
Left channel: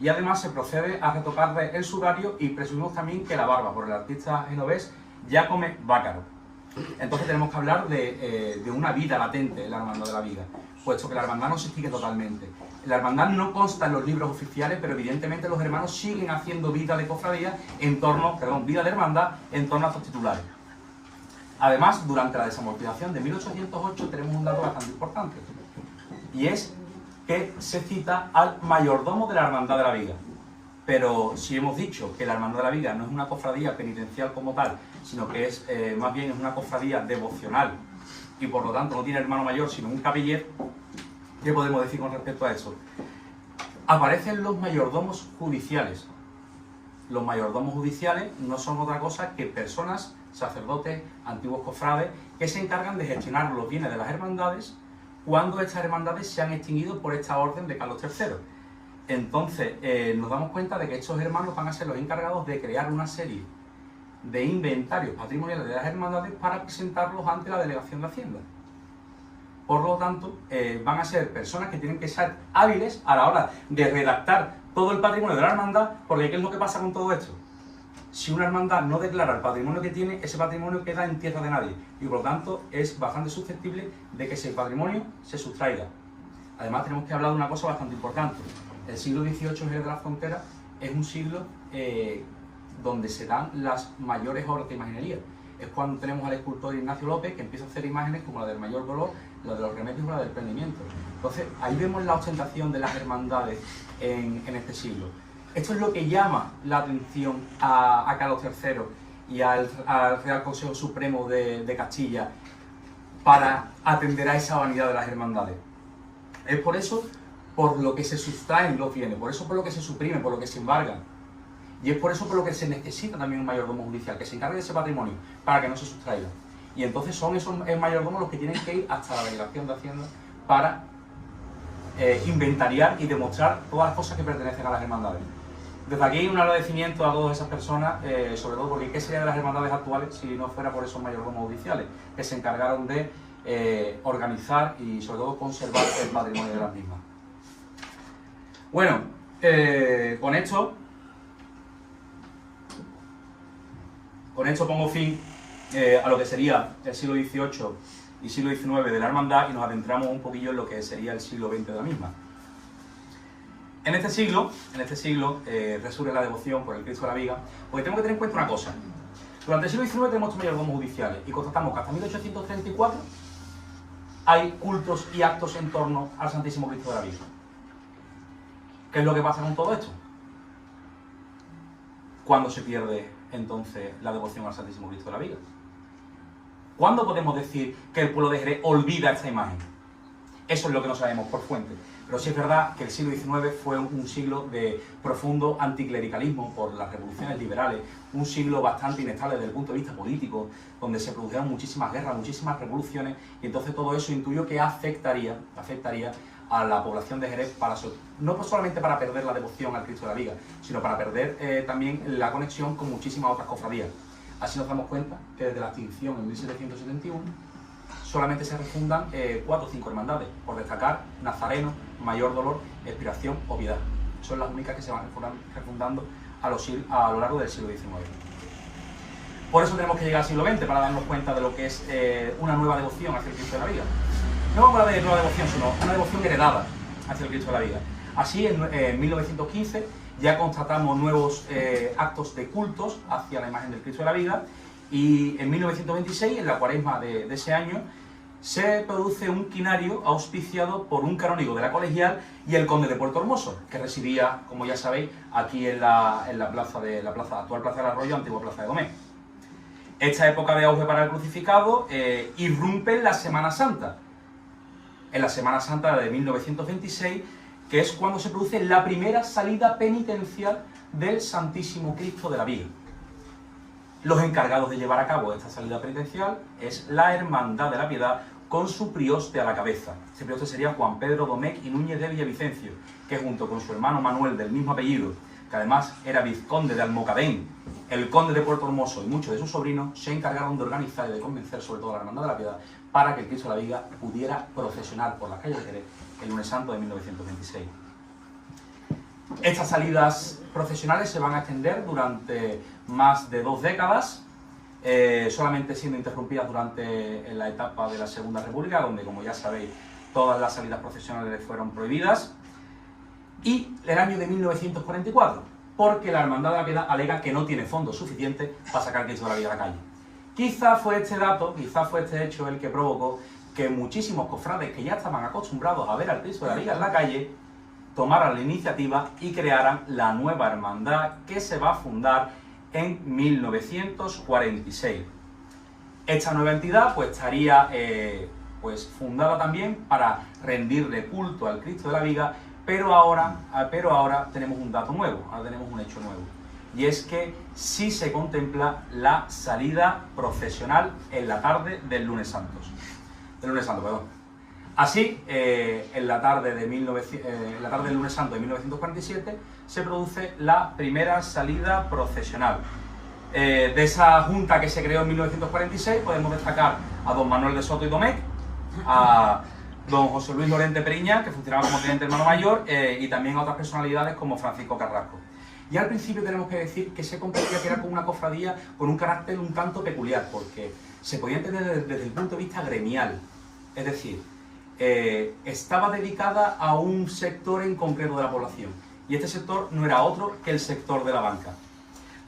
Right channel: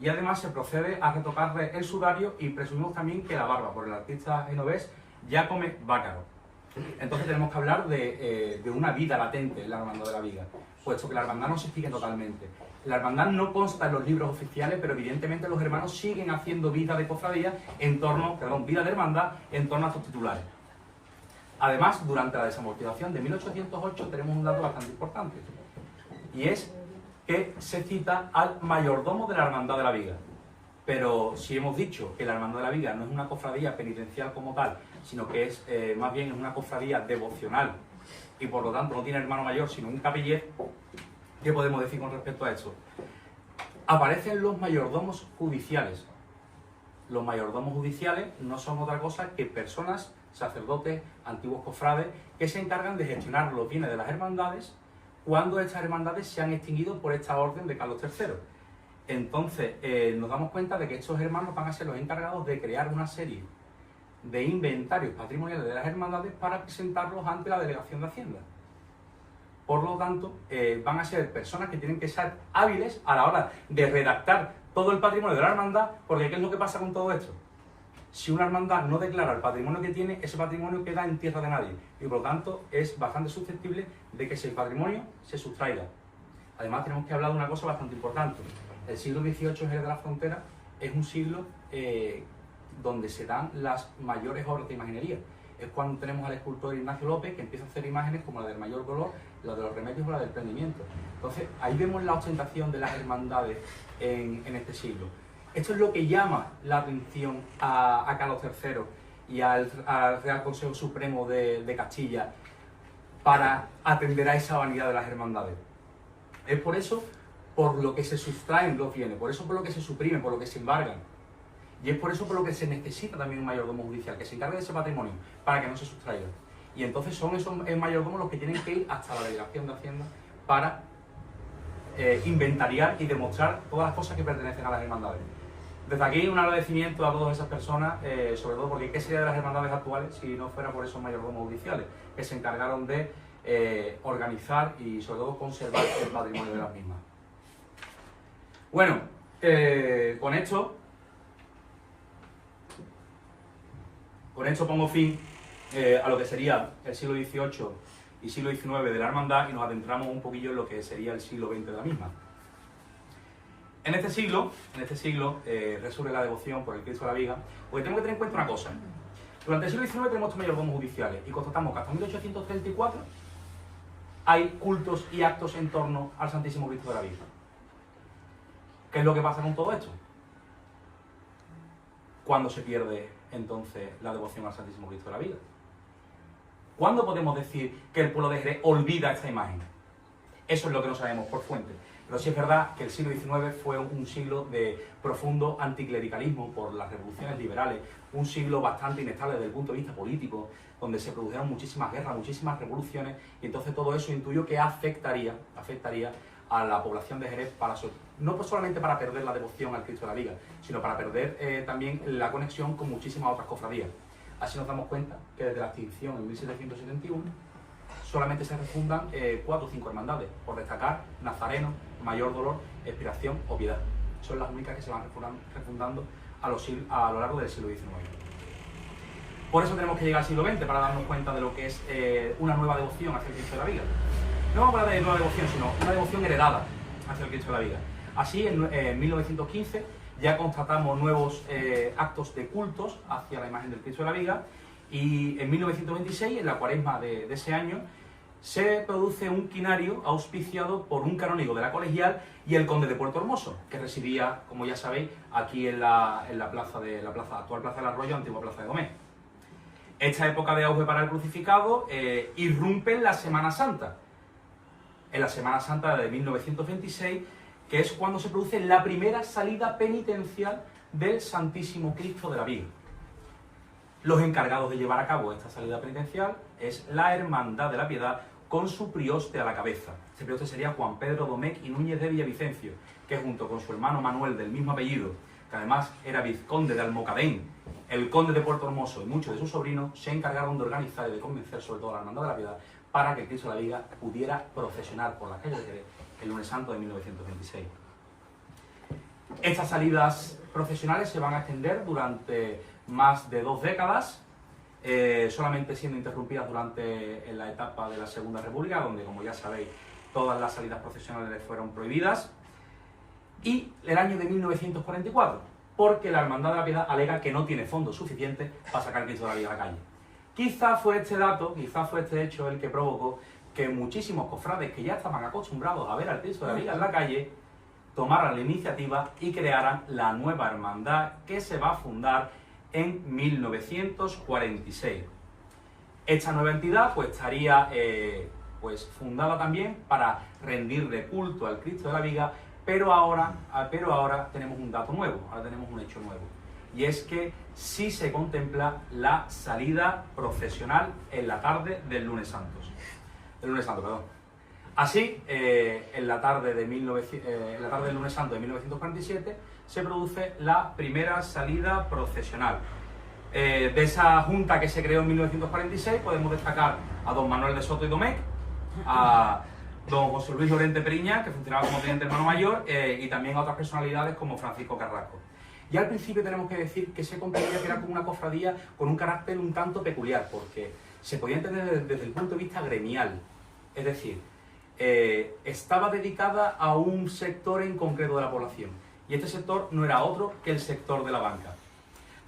y además se procede a retocarle el sudario y presumimos también que la barba, por el artista genovés Giacomo Vaccaro. Entonces tenemos que hablar de una vida latente en la Hermandad de la Viga, puesto que la hermandad no se extingue totalmente. La hermandad no consta en los libros oficiales, pero evidentemente los hermanos siguen haciendo vida de cofradía vida de hermandad en torno a estos titulares. Además, durante la desamortización de 1808 tenemos un dato bastante importante, y es que se cita al mayordomo de la Hermandad de la Viga. Pero si hemos dicho que la Hermandad de la Viga no es una cofradía penitencial como tal, sino que es más bien es una cofradía devocional y por lo tanto no tiene hermano mayor sino un capiller, ¿qué podemos decir con respecto a eso? Aparecen los mayordomos judiciales. Los mayordomos judiciales no son otra cosa que personas, sacerdotes, antiguos cofrades, que se encargan de gestionar los bienes de las hermandades cuando estas hermandades se han extinguido por esta orden de Carlos III. Entonces nos damos cuenta de que estos hermanos van a ser los encargados de crear una serie de inventarios patrimoniales de las hermandades para presentarlos ante la Delegación de Hacienda. Por lo tanto, van a ser personas que tienen que ser hábiles a la hora de redactar todo el patrimonio de la hermandad, porque ¿qué es lo que pasa con todo esto? Si una hermandad no declara el patrimonio que tiene, ese patrimonio queda en tierra de nadie y por lo tanto es bastante susceptible de que ese patrimonio se sustraiga. Además tenemos que hablar de una cosa bastante importante. El siglo XVIII en Jerez de la Frontera es un siglo donde se dan las mayores obras de imaginería. Es cuando tenemos al escultor Ignacio López que empieza a hacer imágenes como la del Mayor Dolor, la de los Remedios o la del Prendimiento. Entonces ahí vemos la ostentación de las hermandades en este siglo. Esto es lo que llama la atención a Carlos III y al Real Consejo Supremo de Castilla para atender a esa vanidad de las hermandades. Es por eso por lo que se sustraen los bienes, por eso por lo que se suprimen, por lo que se embargan. Y es por eso por lo que se necesita también un mayordomo judicial, que se encargue de ese patrimonio, para que no se sustraiga. Y entonces son esos mayordomos los que tienen que ir hasta la Delegación de Hacienda para inventariar y demostrar todas las cosas que pertenecen a las hermandades. Desde aquí un agradecimiento a todas esas personas, sobre todo porque ¿qué sería de las hermandades actuales si no fuera por esos mayordomos judiciales que se encargaron de organizar y sobre todo conservar el patrimonio de las mismas? Bueno, con esto pongo fin a lo que sería el siglo XVIII y siglo XIX de la hermandad y nos adentramos un poquillo en lo que sería el siglo XX de la misma. En este siglo resurge la devoción por el Cristo de la Viga, porque tenemos que tener en cuenta una cosa. Durante el siglo XIX tenemos estos mayordomos judiciales y constatamos que hasta 1834 hay cultos y actos en torno al Santísimo Cristo de la Viga. ¿Qué es lo que pasa con todo esto? ¿Cuándo se pierde entonces la devoción al Santísimo Cristo de la Viga? ¿Cuándo podemos decir que el pueblo de Jerez olvida esta imagen? Eso es lo que no sabemos por fuente. Pero sí es verdad que el siglo XIX fue un siglo de profundo anticlericalismo por las revoluciones liberales, un siglo bastante inestable desde el punto de vista político, donde se produjeron muchísimas guerras, muchísimas revoluciones, y entonces todo eso intuyo que afectaría a la población de Jerez, no solamente para perder la devoción al Cristo de la Viga, sino para perder también la conexión con muchísimas otras cofradías. Así nos damos cuenta que desde la extinción en 1771 solamente se refundan 4 o 5 hermandades, por destacar Nazareno, Mayor Dolor, Expiración o Piedad. Son las únicas que se van refundando a lo largo del siglo XIX. Por eso tenemos que llegar al siglo XX para darnos cuenta de lo que es una nueva devoción hacia el Cristo de la Viga. No vamos a hablar de nueva devoción, sino una devoción heredada hacia el Cristo de la Viga. Así, en 1915 ya constatamos nuevos actos de cultos hacia la imagen del Cristo de la Viga, y en 1926, en la cuaresma de ese año, se produce un quinario auspiciado por un canónigo de la Colegial y el conde de Puerto Hermoso, que residía, como ya sabéis, aquí en la actual Plaza del Arroyo, antigua Plaza de Domé. Esta época de auge para el crucificado irrumpe en la Semana Santa. En la Semana Santa de 1926, que es cuando se produce la primera salida penitencial del Santísimo Cristo de la Viga. Los encargados de llevar a cabo esta salida penitencial es la Hermandad de la Piedad, con su prioste a la cabeza. Este prioste sería Juan Pedro Domecq y Núñez de Villavicencio, que junto con su hermano Manuel, del mismo apellido, que además era vizconde de Almocadén, el conde de Puerto Hermoso y muchos de sus sobrinos, se encargaron de organizar y de convencer sobre todo a la Hermandad de la Piedad para que el Cristo de la Viga pudiera procesionar por las calles de Jerez el lunes santo de 1926. Estas salidas procesionales se van a extender durante más de 2 décadas, solamente siendo interrumpidas durante la etapa de la Segunda República, donde, como ya sabéis, todas las salidas procesionales fueron prohibidas, y el año de 1944, porque la Hermandad de la Piedad alega que no tiene fondos suficientes para sacar el Cristo de la Viga a la calle. Quizá fue este dato, quizá fue este hecho el que provocó que muchísimos cofrades que ya estaban acostumbrados a ver al Cristo de la Viga en la calle tomaran la iniciativa y crearan la nueva hermandad, que se va a fundar en 1946. Esta nueva entidad pues estaría fundada también para rendirle culto al Cristo de la Viga, pero ahora tenemos un dato nuevo, ahora tenemos un hecho nuevo, y es que sí se contempla la salida procesional en la tarde del lunes santo. Así, en la tarde del lunes santo de 1947 se produce la primera salida procesional. De esa junta que se creó en 1946 podemos destacar a don Manuel de Soto y Domecq, a don José Luis Lorente Periña, que funcionaba como teniente hermano mayor, y también a otras personalidades como Francisco Carrasco. Y al principio tenemos que decir que se comprendía que era como una cofradía con un carácter un tanto peculiar, porque se podía entender desde el punto de vista gremial, es decir, estaba dedicada a un sector en concreto de la población, y este sector no era otro que el sector de la banca.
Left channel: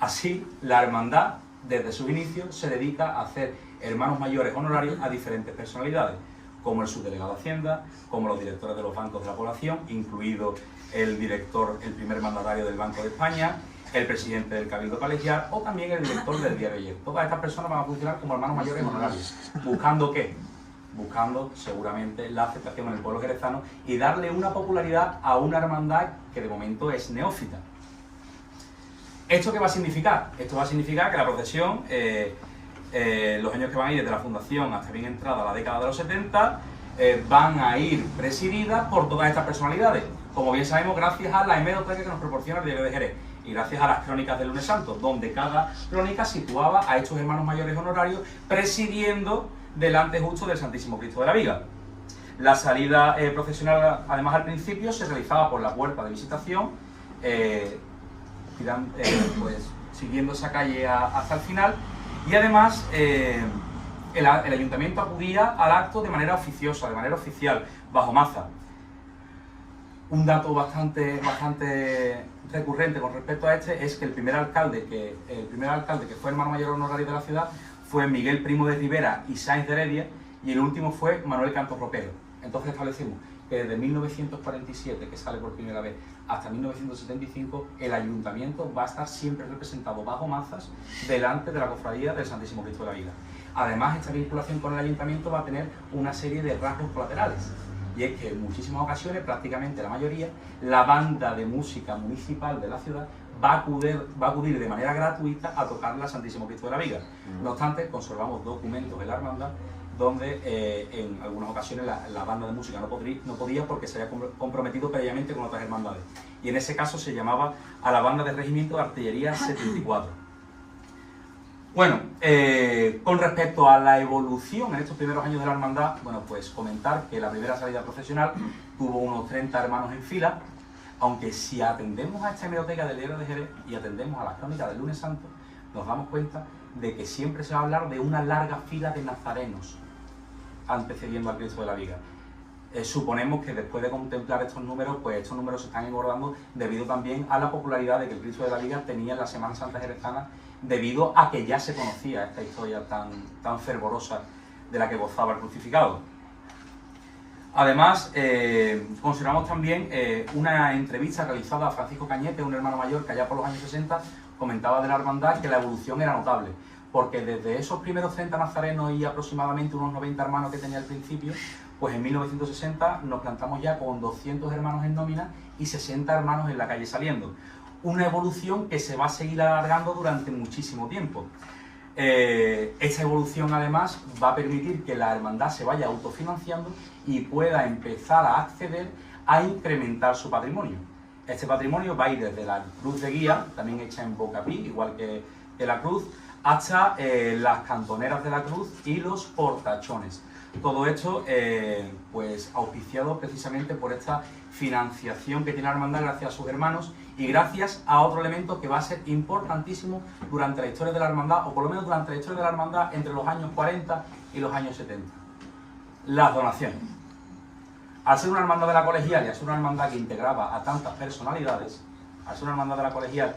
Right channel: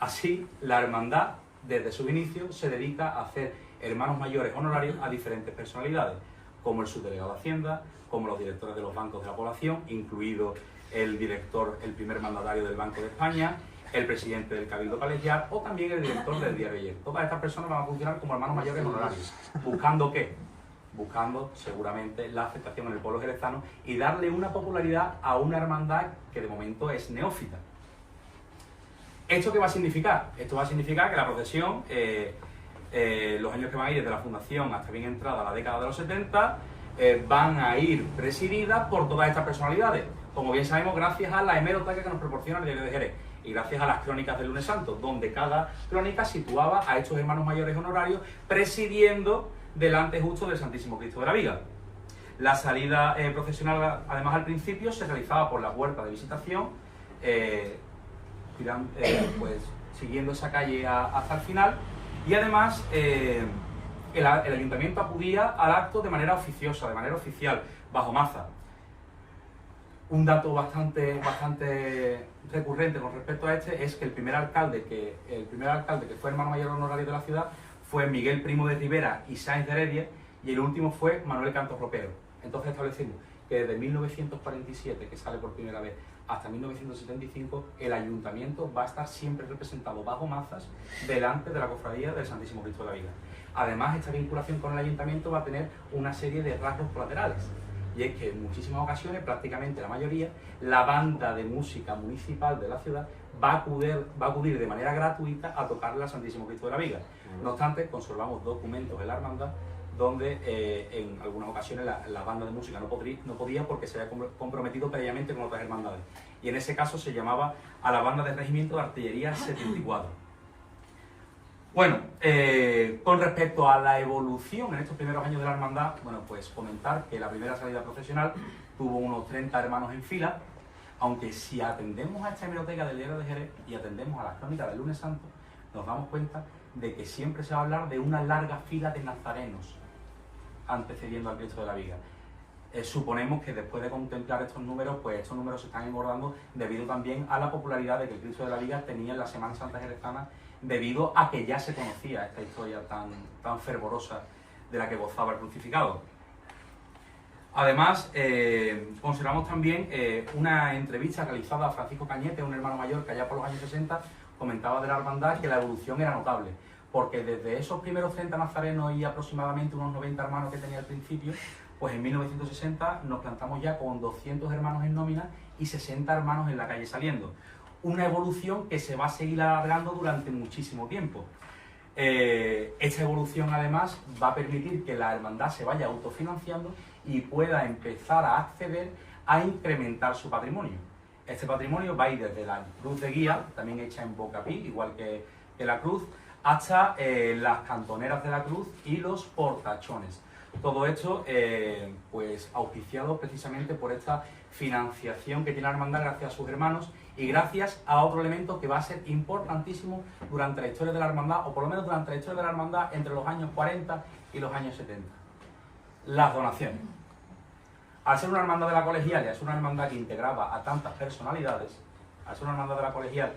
Así, la hermandad, desde sus inicios, se dedica a hacer hermanos mayores honorarios a diferentes personalidades, como el subdelegado de Hacienda, como los directores de los bancos de la población, incluido el primer mandatario del Banco de España, el presidente del Cabildo Colegial o también el director del Diario Ayer. Todas estas personas van a funcionar como hermanos mayores honorarios. ¿Buscando qué? Buscando seguramente la aceptación en el pueblo jerezano y darle una popularidad a una hermandad que de momento es neófita. ¿Esto qué va a significar? Esto va a significar que la procesión, los años que van a ir desde la fundación hasta bien entrada la década de los 70, van a ir presididas por todas estas personalidades. Como bien sabemos, gracias a la hemeroteca que nos proporciona el Diario de Jerez y gracias a las crónicas del lunes santo, donde cada crónica situaba a estos hermanos mayores honorarios presidiendo delante justo del Santísimo Cristo de la Viga. La salida procesional, además, al principio se realizaba por la puerta de visitación, pues siguiendo esa calle hasta el final, y además el ayuntamiento acudía al acto de manera oficiosa, de manera oficial, bajo maza. Un dato bastante recurrente con respecto a este es que el primer alcalde que fue hermano mayor honorario de la ciudad fue Miguel Primo de Rivera y Sáenz de Heredia, y el último fue Manuel Cantos Ropero. Entonces establecimos que desde 1947, que sale por primera vez, hasta 1975, el ayuntamiento va a estar siempre representado bajo mazas delante de la cofradía del Santísimo Cristo de la Viga. Además, esta vinculación con el ayuntamiento va a tener una serie de rasgos colaterales, y es que en muchísimas ocasiones, prácticamente la mayoría, la banda de música municipal de la ciudad va a acudir de manera gratuita a tocarle al Santísimo Cristo de la Viga. No obstante, conservamos documentos en la hermandad donde en algunas ocasiones la banda de música no podía porque se había comprometido previamente con otras hermandades. Y en ese caso se llamaba a la banda del Regimiento de Artillería 74. Bueno, con respecto a la evolución en estos primeros años de la hermandad, bueno, pues comentar que la primera salida procesional tuvo unos 30 hermanos en fila, aunque si atendemos a esta hemeroteca del Diario de Jerez y atendemos a las crónicas del lunes santo, nos damos cuenta de que siempre se va a hablar de una larga fila de nazarenos antecediendo al Cristo de la Viga. Suponemos que después de contemplar estos números, pues estos números se están engordando debido también a la popularidad de que el Cristo de la Viga tenía en la Semana Santa jerezana, debido a que ya se conocía esta historia tan fervorosa de la que gozaba el crucificado. Además, consideramos también una entrevista realizada a Francisco Cañete, un hermano mayor que allá por los años 60 comentaba de la hermandad que la evolución era notable, porque desde esos primeros 30 nazarenos y aproximadamente unos 90 hermanos que tenía al principio, pues en 1960 nos plantamos ya con 200 hermanos en nómina y 60 hermanos en la calle saliendo. Una evolución que se va a seguir alargando durante muchísimo tiempo. Esta evolución además va a permitir que la hermandad se vaya autofinanciando y pueda empezar a acceder a incrementar su patrimonio. Este patrimonio va a ir desde la cruz de guía, también hecha en bocapi, igual que la cruz, hasta las cantoneras de la cruz y los portachones. Todo esto pues auspiciado precisamente por esta financiación que tiene la hermandad gracias a sus hermanos y gracias a otro elemento que va a ser importantísimo durante la historia de la hermandad, o por lo menos durante la historia de la hermandad entre los años 40 y los años 70. Las donaciones. Al ser una hermandad de la colegial y al ser una hermandad que integraba a tantas personalidades, al ser una hermandad de la colegial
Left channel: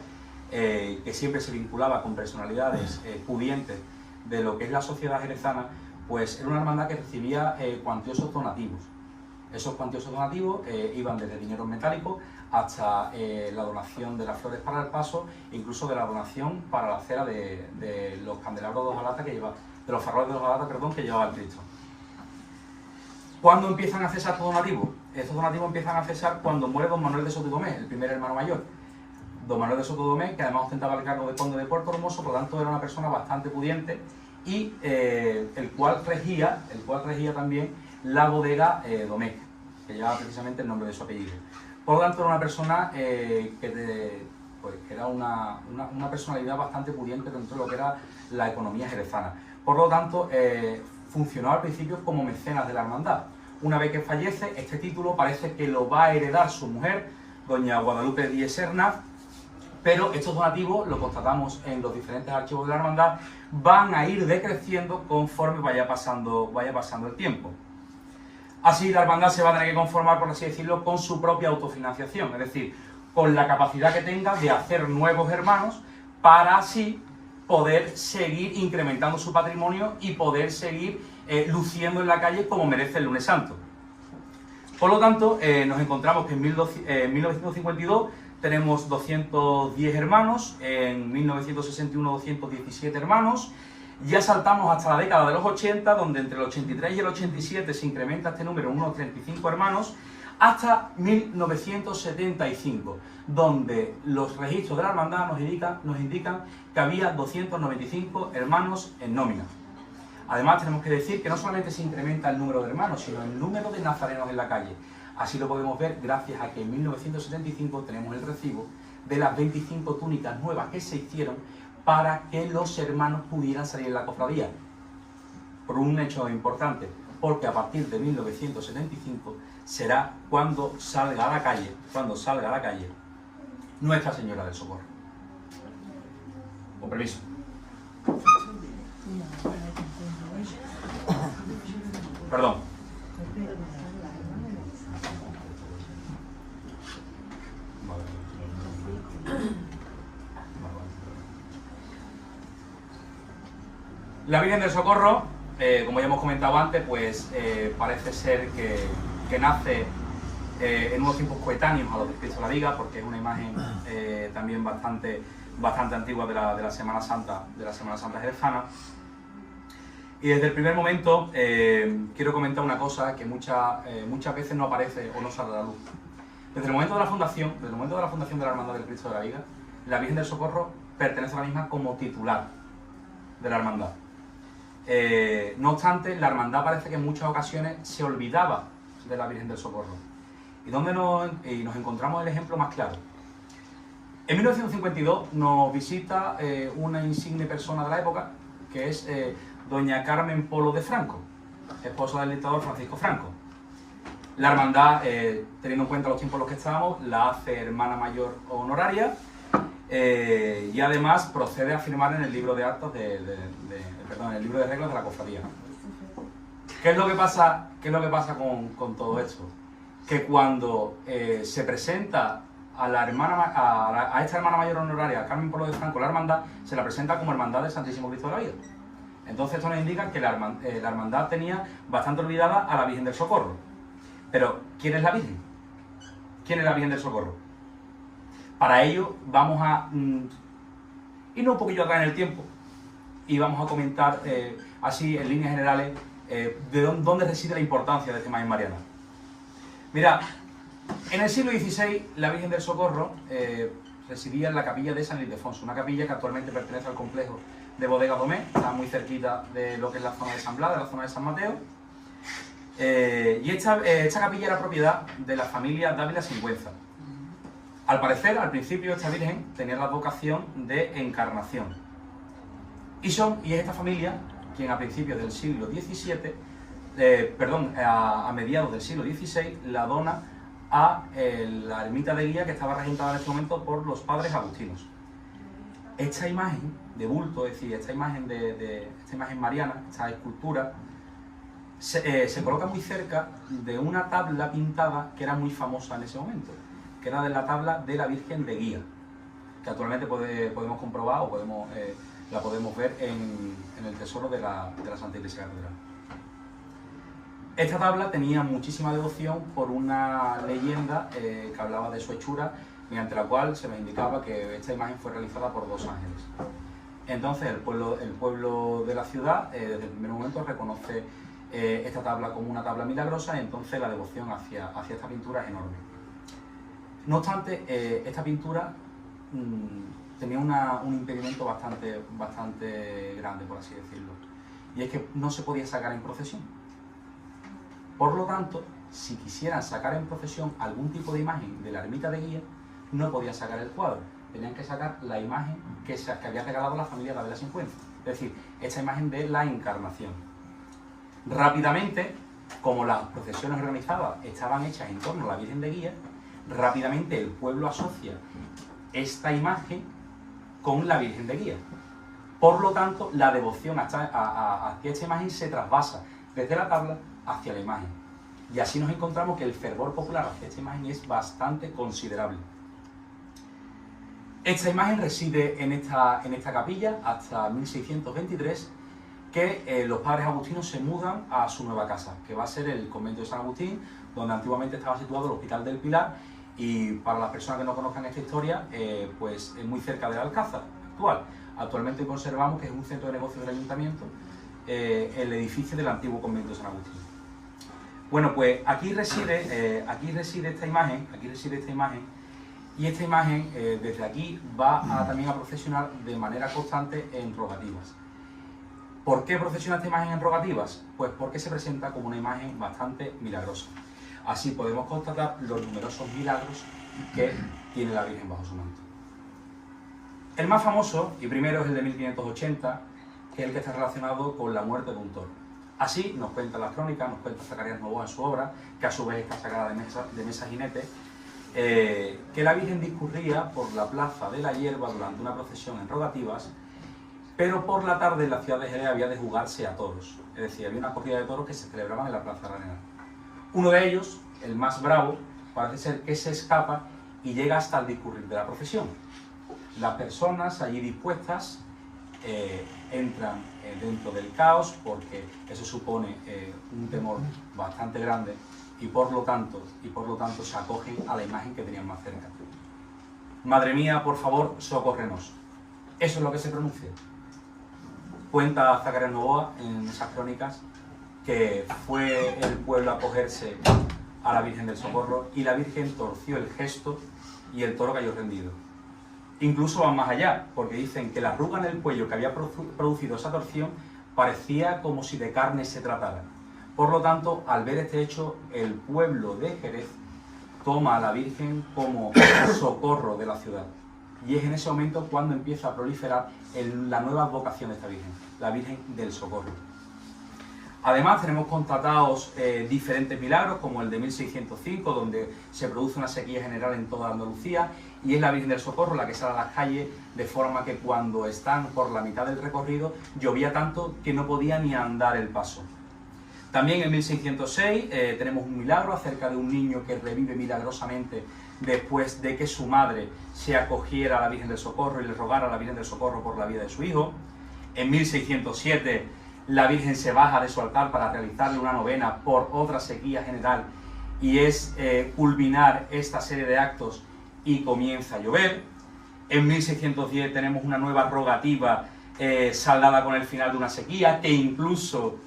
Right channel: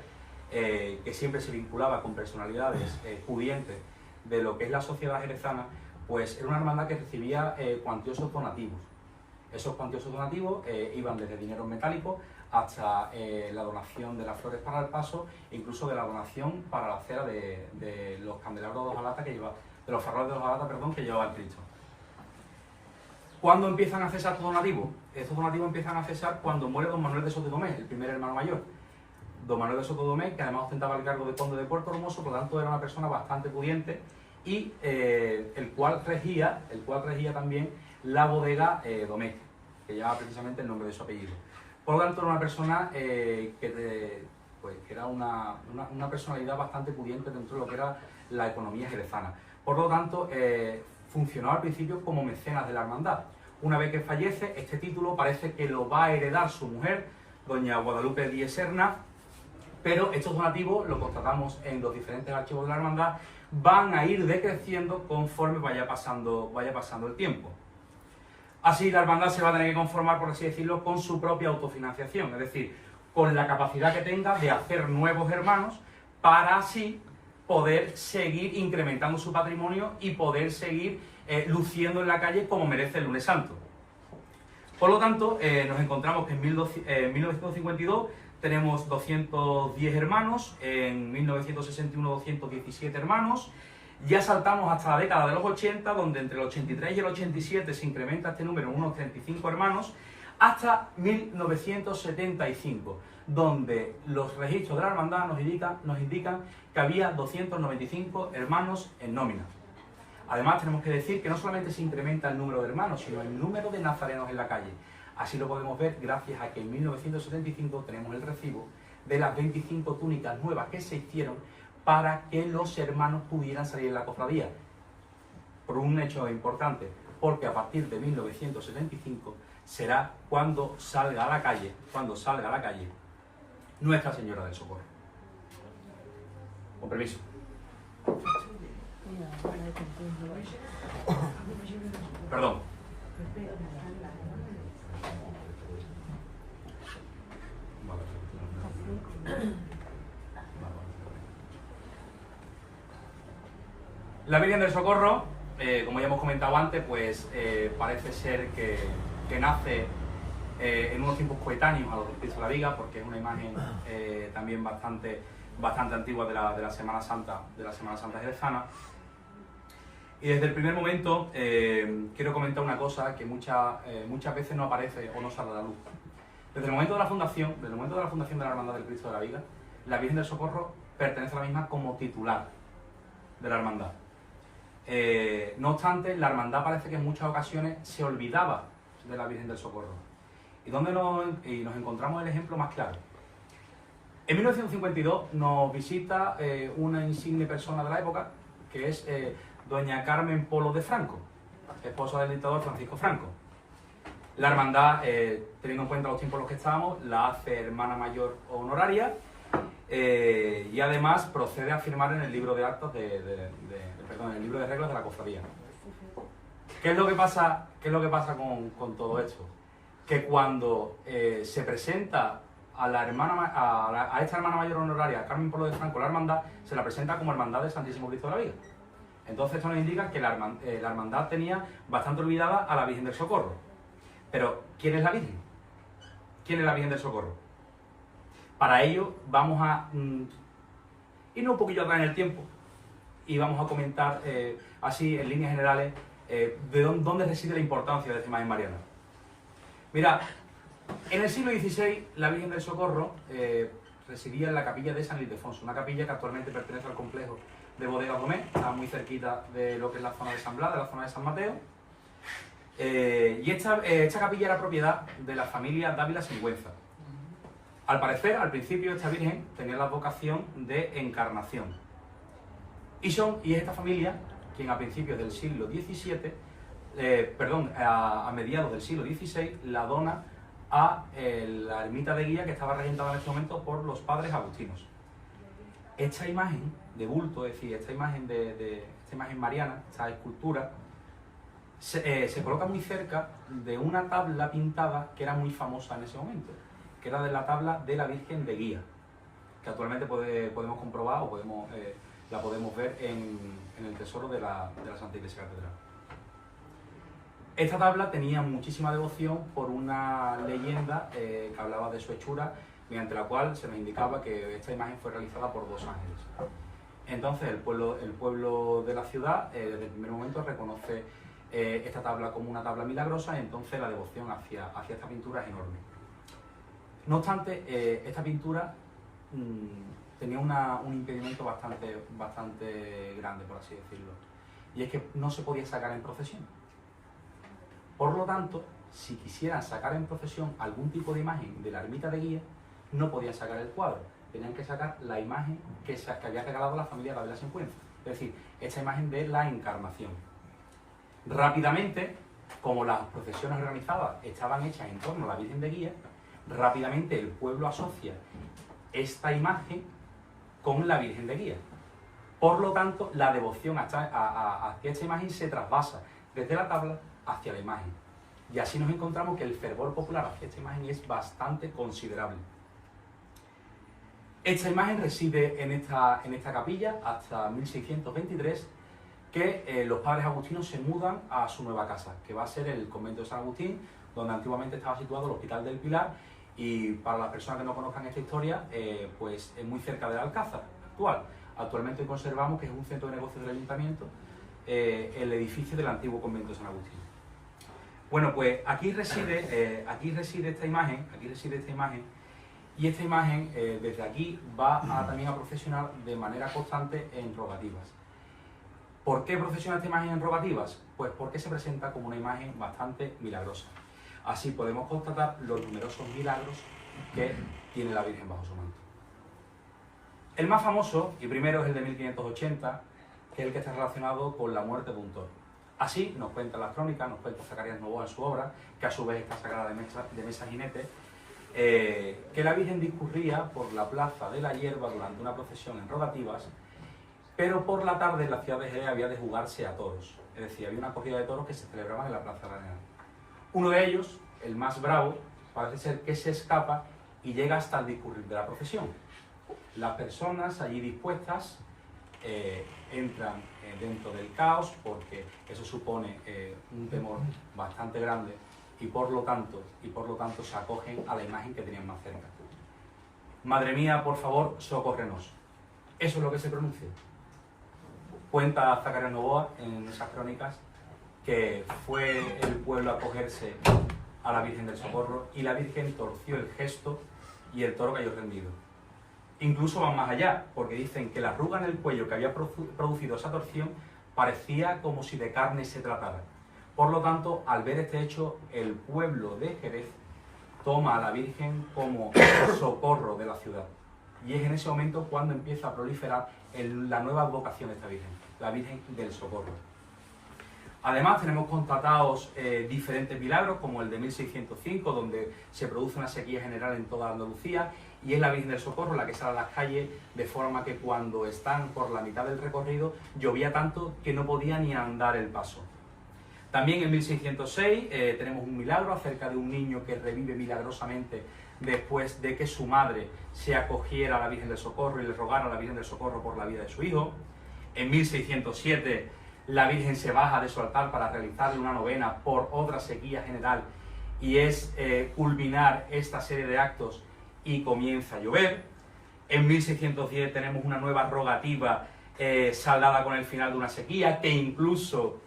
que siempre se vinculaba con personalidades pudientes de lo que es la sociedad jerezana, pues era una hermandad que recibía cuantiosos donativos. Esos cuantiosos donativos iban desde dinero metálico hasta la donación de las flores para el paso e incluso de la donación para la cera de los candelabros de hojalata que lleva, de los faroles de hojalata, perdón, que llevaba el Cristo. ¿Cuándo empiezan a cesar estos donativos? Estos donativos empiezan a cesar cuando muere don Manuel de Sotodomé, el primer hermano mayor. Don Manuel de Sotodomé, que además ostentaba el cargo de conde de Puerto Hermoso, por lo tanto era una persona bastante pudiente y el cual regía también la bodega Domecq, que lleva precisamente el nombre de su apellido. Por lo tanto era una persona que era una personalidad bastante pudiente dentro de lo que era la economía jerezana. Por lo tanto, funcionó al principio como mecenas de la hermandad. Una vez que fallece, este título parece que lo va a heredar su mujer, doña Guadalupe Díez Serna, pero estos donativos, lo constatamos en los diferentes archivos de la hermandad, van a ir decreciendo conforme vaya pasando el tiempo. Así la hermandad se va a tener que conformar, por así decirlo, con su propia autofinanciación, es decir, con la capacidad que tenga de hacer nuevos hermanos para así poder seguir incrementando su patrimonio y poder seguir luciendo en la calle como merece el Lunes Santo. Por lo tanto, nos encontramos que en 1952 tenemos 210 hermanos, en 1961 217 hermanos, ya saltamos hasta la década de los 80, donde entre el 83 y el 87 se incrementa este número en unos 35 hermanos, hasta 1975, donde los registros de la hermandad nos indican que había 295 hermanos en nómina. Además tenemos que decir que no solamente se incrementa el número de hermanos, sino el número de nazarenos en la calle. Así lo podemos ver gracias a que en 1975 tenemos el recibo de las 25 túnicas nuevas que se hicieron para que los hermanos pudieran salir en la cofradía. Por un hecho importante, porque a partir de 1975 será cuando salga a la calle Nuestra Señora del Socorro. Con permiso. Perdón. La Virgen del Socorro, como ya hemos comentado antes, pues parece ser que nace en unos tiempos coetáneos a los de Cristo de la Viga, porque es una imagen también bastante antigua de la Semana Santa jerezana. Y desde el primer momento quiero comentar una cosa que muchas veces no aparece o no sale a la luz. Desde el momento de la fundación de la Hermandad del Cristo de la Viga, la Virgen del Socorro pertenece a la misma como titular de la hermandad. No obstante, la hermandad parece que en muchas ocasiones se olvidaba de la Virgen del Socorro. ¿Y dónde nos encontramos el ejemplo más claro? En 1952 nos visita una insigne persona de la época, que es doña Carmen Polo de Franco, esposa del dictador Francisco Franco. La hermandad, teniendo en cuenta los tiempos en los que estábamos, la hace hermana mayor honoraria y además procede a firmar en el libro de actos en el libro de reglas de la cofradía. ¿Qué es lo que pasa con todo esto? Que cuando se presenta a esta hermana mayor honoraria, Carmen Polo de Franco, la hermandad, se la presenta como hermandad del Santísimo Cristo de la Vida. Entonces esto nos indica que la hermandad tenía bastante olvidada a la Virgen del Socorro. Pero, ¿quién es la Virgen? ¿Quién es la Virgen del Socorro? Para ello vamos a irnos un poquillo atrás en el tiempo y vamos a comentar así en líneas generales de dónde reside la importancia de esta imagen mariana. Mira, en el siglo XVI la Virgen del Socorro residía en la capilla de San Ildefonso, una capilla que actualmente pertenece al complejo de Bodega Domé, está muy cerquita de lo que es la zona de San Blas, de la zona de San Mateo. Y esta capilla era propiedad de la familia Dávila Singüenza. Al parecer, al principio, esta Virgen tenía la vocación de encarnación. Y es esta familia quien a principios del siglo XVII, a mediados del siglo XVI, la dona a la ermita de Guía, que estaba regentada en este momento por los padres agustinos. Esta imagen de bulto, es decir, esta imagen mariana, esta escultura, se coloca muy cerca de una tabla pintada que era muy famosa en ese momento, que era de la tabla de la Virgen de Guía, que actualmente podemos comprobar o la podemos ver en el tesoro de la Santa Iglesia Catedral. Esta tabla tenía muchísima devoción por una leyenda que hablaba de su hechura, mediante la cual se nos indicaba que esta imagen fue realizada por 2 ángeles. Entonces el pueblo de la ciudad desde el primer momento reconoce esta tabla como una tabla milagrosa, y entonces la devoción hacia esta pintura es enorme. No obstante, esta pintura tenía un impedimento bastante grande, por así decirlo, y es que no se podía sacar en procesión. Por lo tanto, si quisieran sacar en procesión algún tipo de imagen de la ermita de Guía, no podían sacar el cuadro, tenían que sacar la imagen que había regalado la familia Dávila Singüenza, es decir, esta imagen de la Encarnación. Rápidamente, como las procesiones organizadas estaban hechas en torno a la Virgen de Guía, rápidamente el pueblo asocia esta imagen con la Virgen de Guía. Por lo tanto, la devoción hacia esta imagen se trasvasa desde la tabla hacia la imagen. Y así nos encontramos que el fervor popular hacia esta imagen es bastante considerable. Esta imagen reside en esta capilla hasta 1623, que los padres agustinos se mudan a su nueva casa, que va a ser el convento de San Agustín, donde antiguamente estaba situado el Hospital del Pilar, y para las personas que no conozcan esta historia, pues es muy cerca del Alcázar actual. Actualmente conservamos que es un centro de negocios del ayuntamiento, el edificio del antiguo convento de San Agustín. Bueno, pues aquí reside esta imagen, y esta imagen desde aquí va también a procesionar de manera constante en rogativas. ¿Por qué procesiona esta imagen en rogativas? Pues porque se presenta como una imagen bastante milagrosa. Así podemos constatar los numerosos milagros que tiene la Virgen bajo su manto. El más famoso y primero es el de 1580, que es el que está relacionado con la muerte de un toro. Así nos cuenta la crónica, nos cuenta Zacarías Novoa en su obra, que a su vez está sacada de Mesa Jinete, que la Virgen discurría por la plaza de la Hierba durante una procesión en rogativas, pero por la tarde en la ciudad de Jerez había de jugarse a toros, es decir, había una corrida de toros que se celebraban en la Plaza Arenal. Uno de ellos, el más bravo, parece ser que se escapa y llega hasta el discurrir de la procesión. Las personas allí dispuestas entran dentro del caos, porque eso supone un temor bastante grande, y por lo tanto se acogen a la imagen que tenían más cerca. Madre mía, por favor, socórrenos. Eso es lo que se pronuncia. Cuenta Zacarías Novoa en esas crónicas que fue el pueblo a acogerse a la Virgen del Socorro y la Virgen torció el gesto y el toro cayó rendido. Incluso van más allá, porque dicen que la arruga en el cuello que había producido esa torsión parecía como si de carne se tratara. Por lo tanto, al ver este hecho, el pueblo de Jerez toma a la Virgen como socorro de la ciudad. Y es en ese momento cuando empieza a proliferar la nueva vocación de esta Virgen, la Virgen del Socorro. Además, tenemos constatados diferentes milagros, como el de 1605, donde se produce una sequía general en toda Andalucía, y es la Virgen del Socorro la que sale a las calles, de forma que cuando están por la mitad del recorrido, llovía tanto que no podía ni andar el paso. También en 1606 tenemos un milagro acerca de un niño que revive milagrosamente después de que su madre se acogiera a la Virgen del Socorro y le rogara a la Virgen del Socorro por la vida de su hijo. En 1607 la Virgen se baja de su altar para realizarle una novena por otra sequía general, y es culminar esta serie de actos y comienza a llover. En 1610 tenemos una nueva rogativa saldada con el final de una sequía, que incluso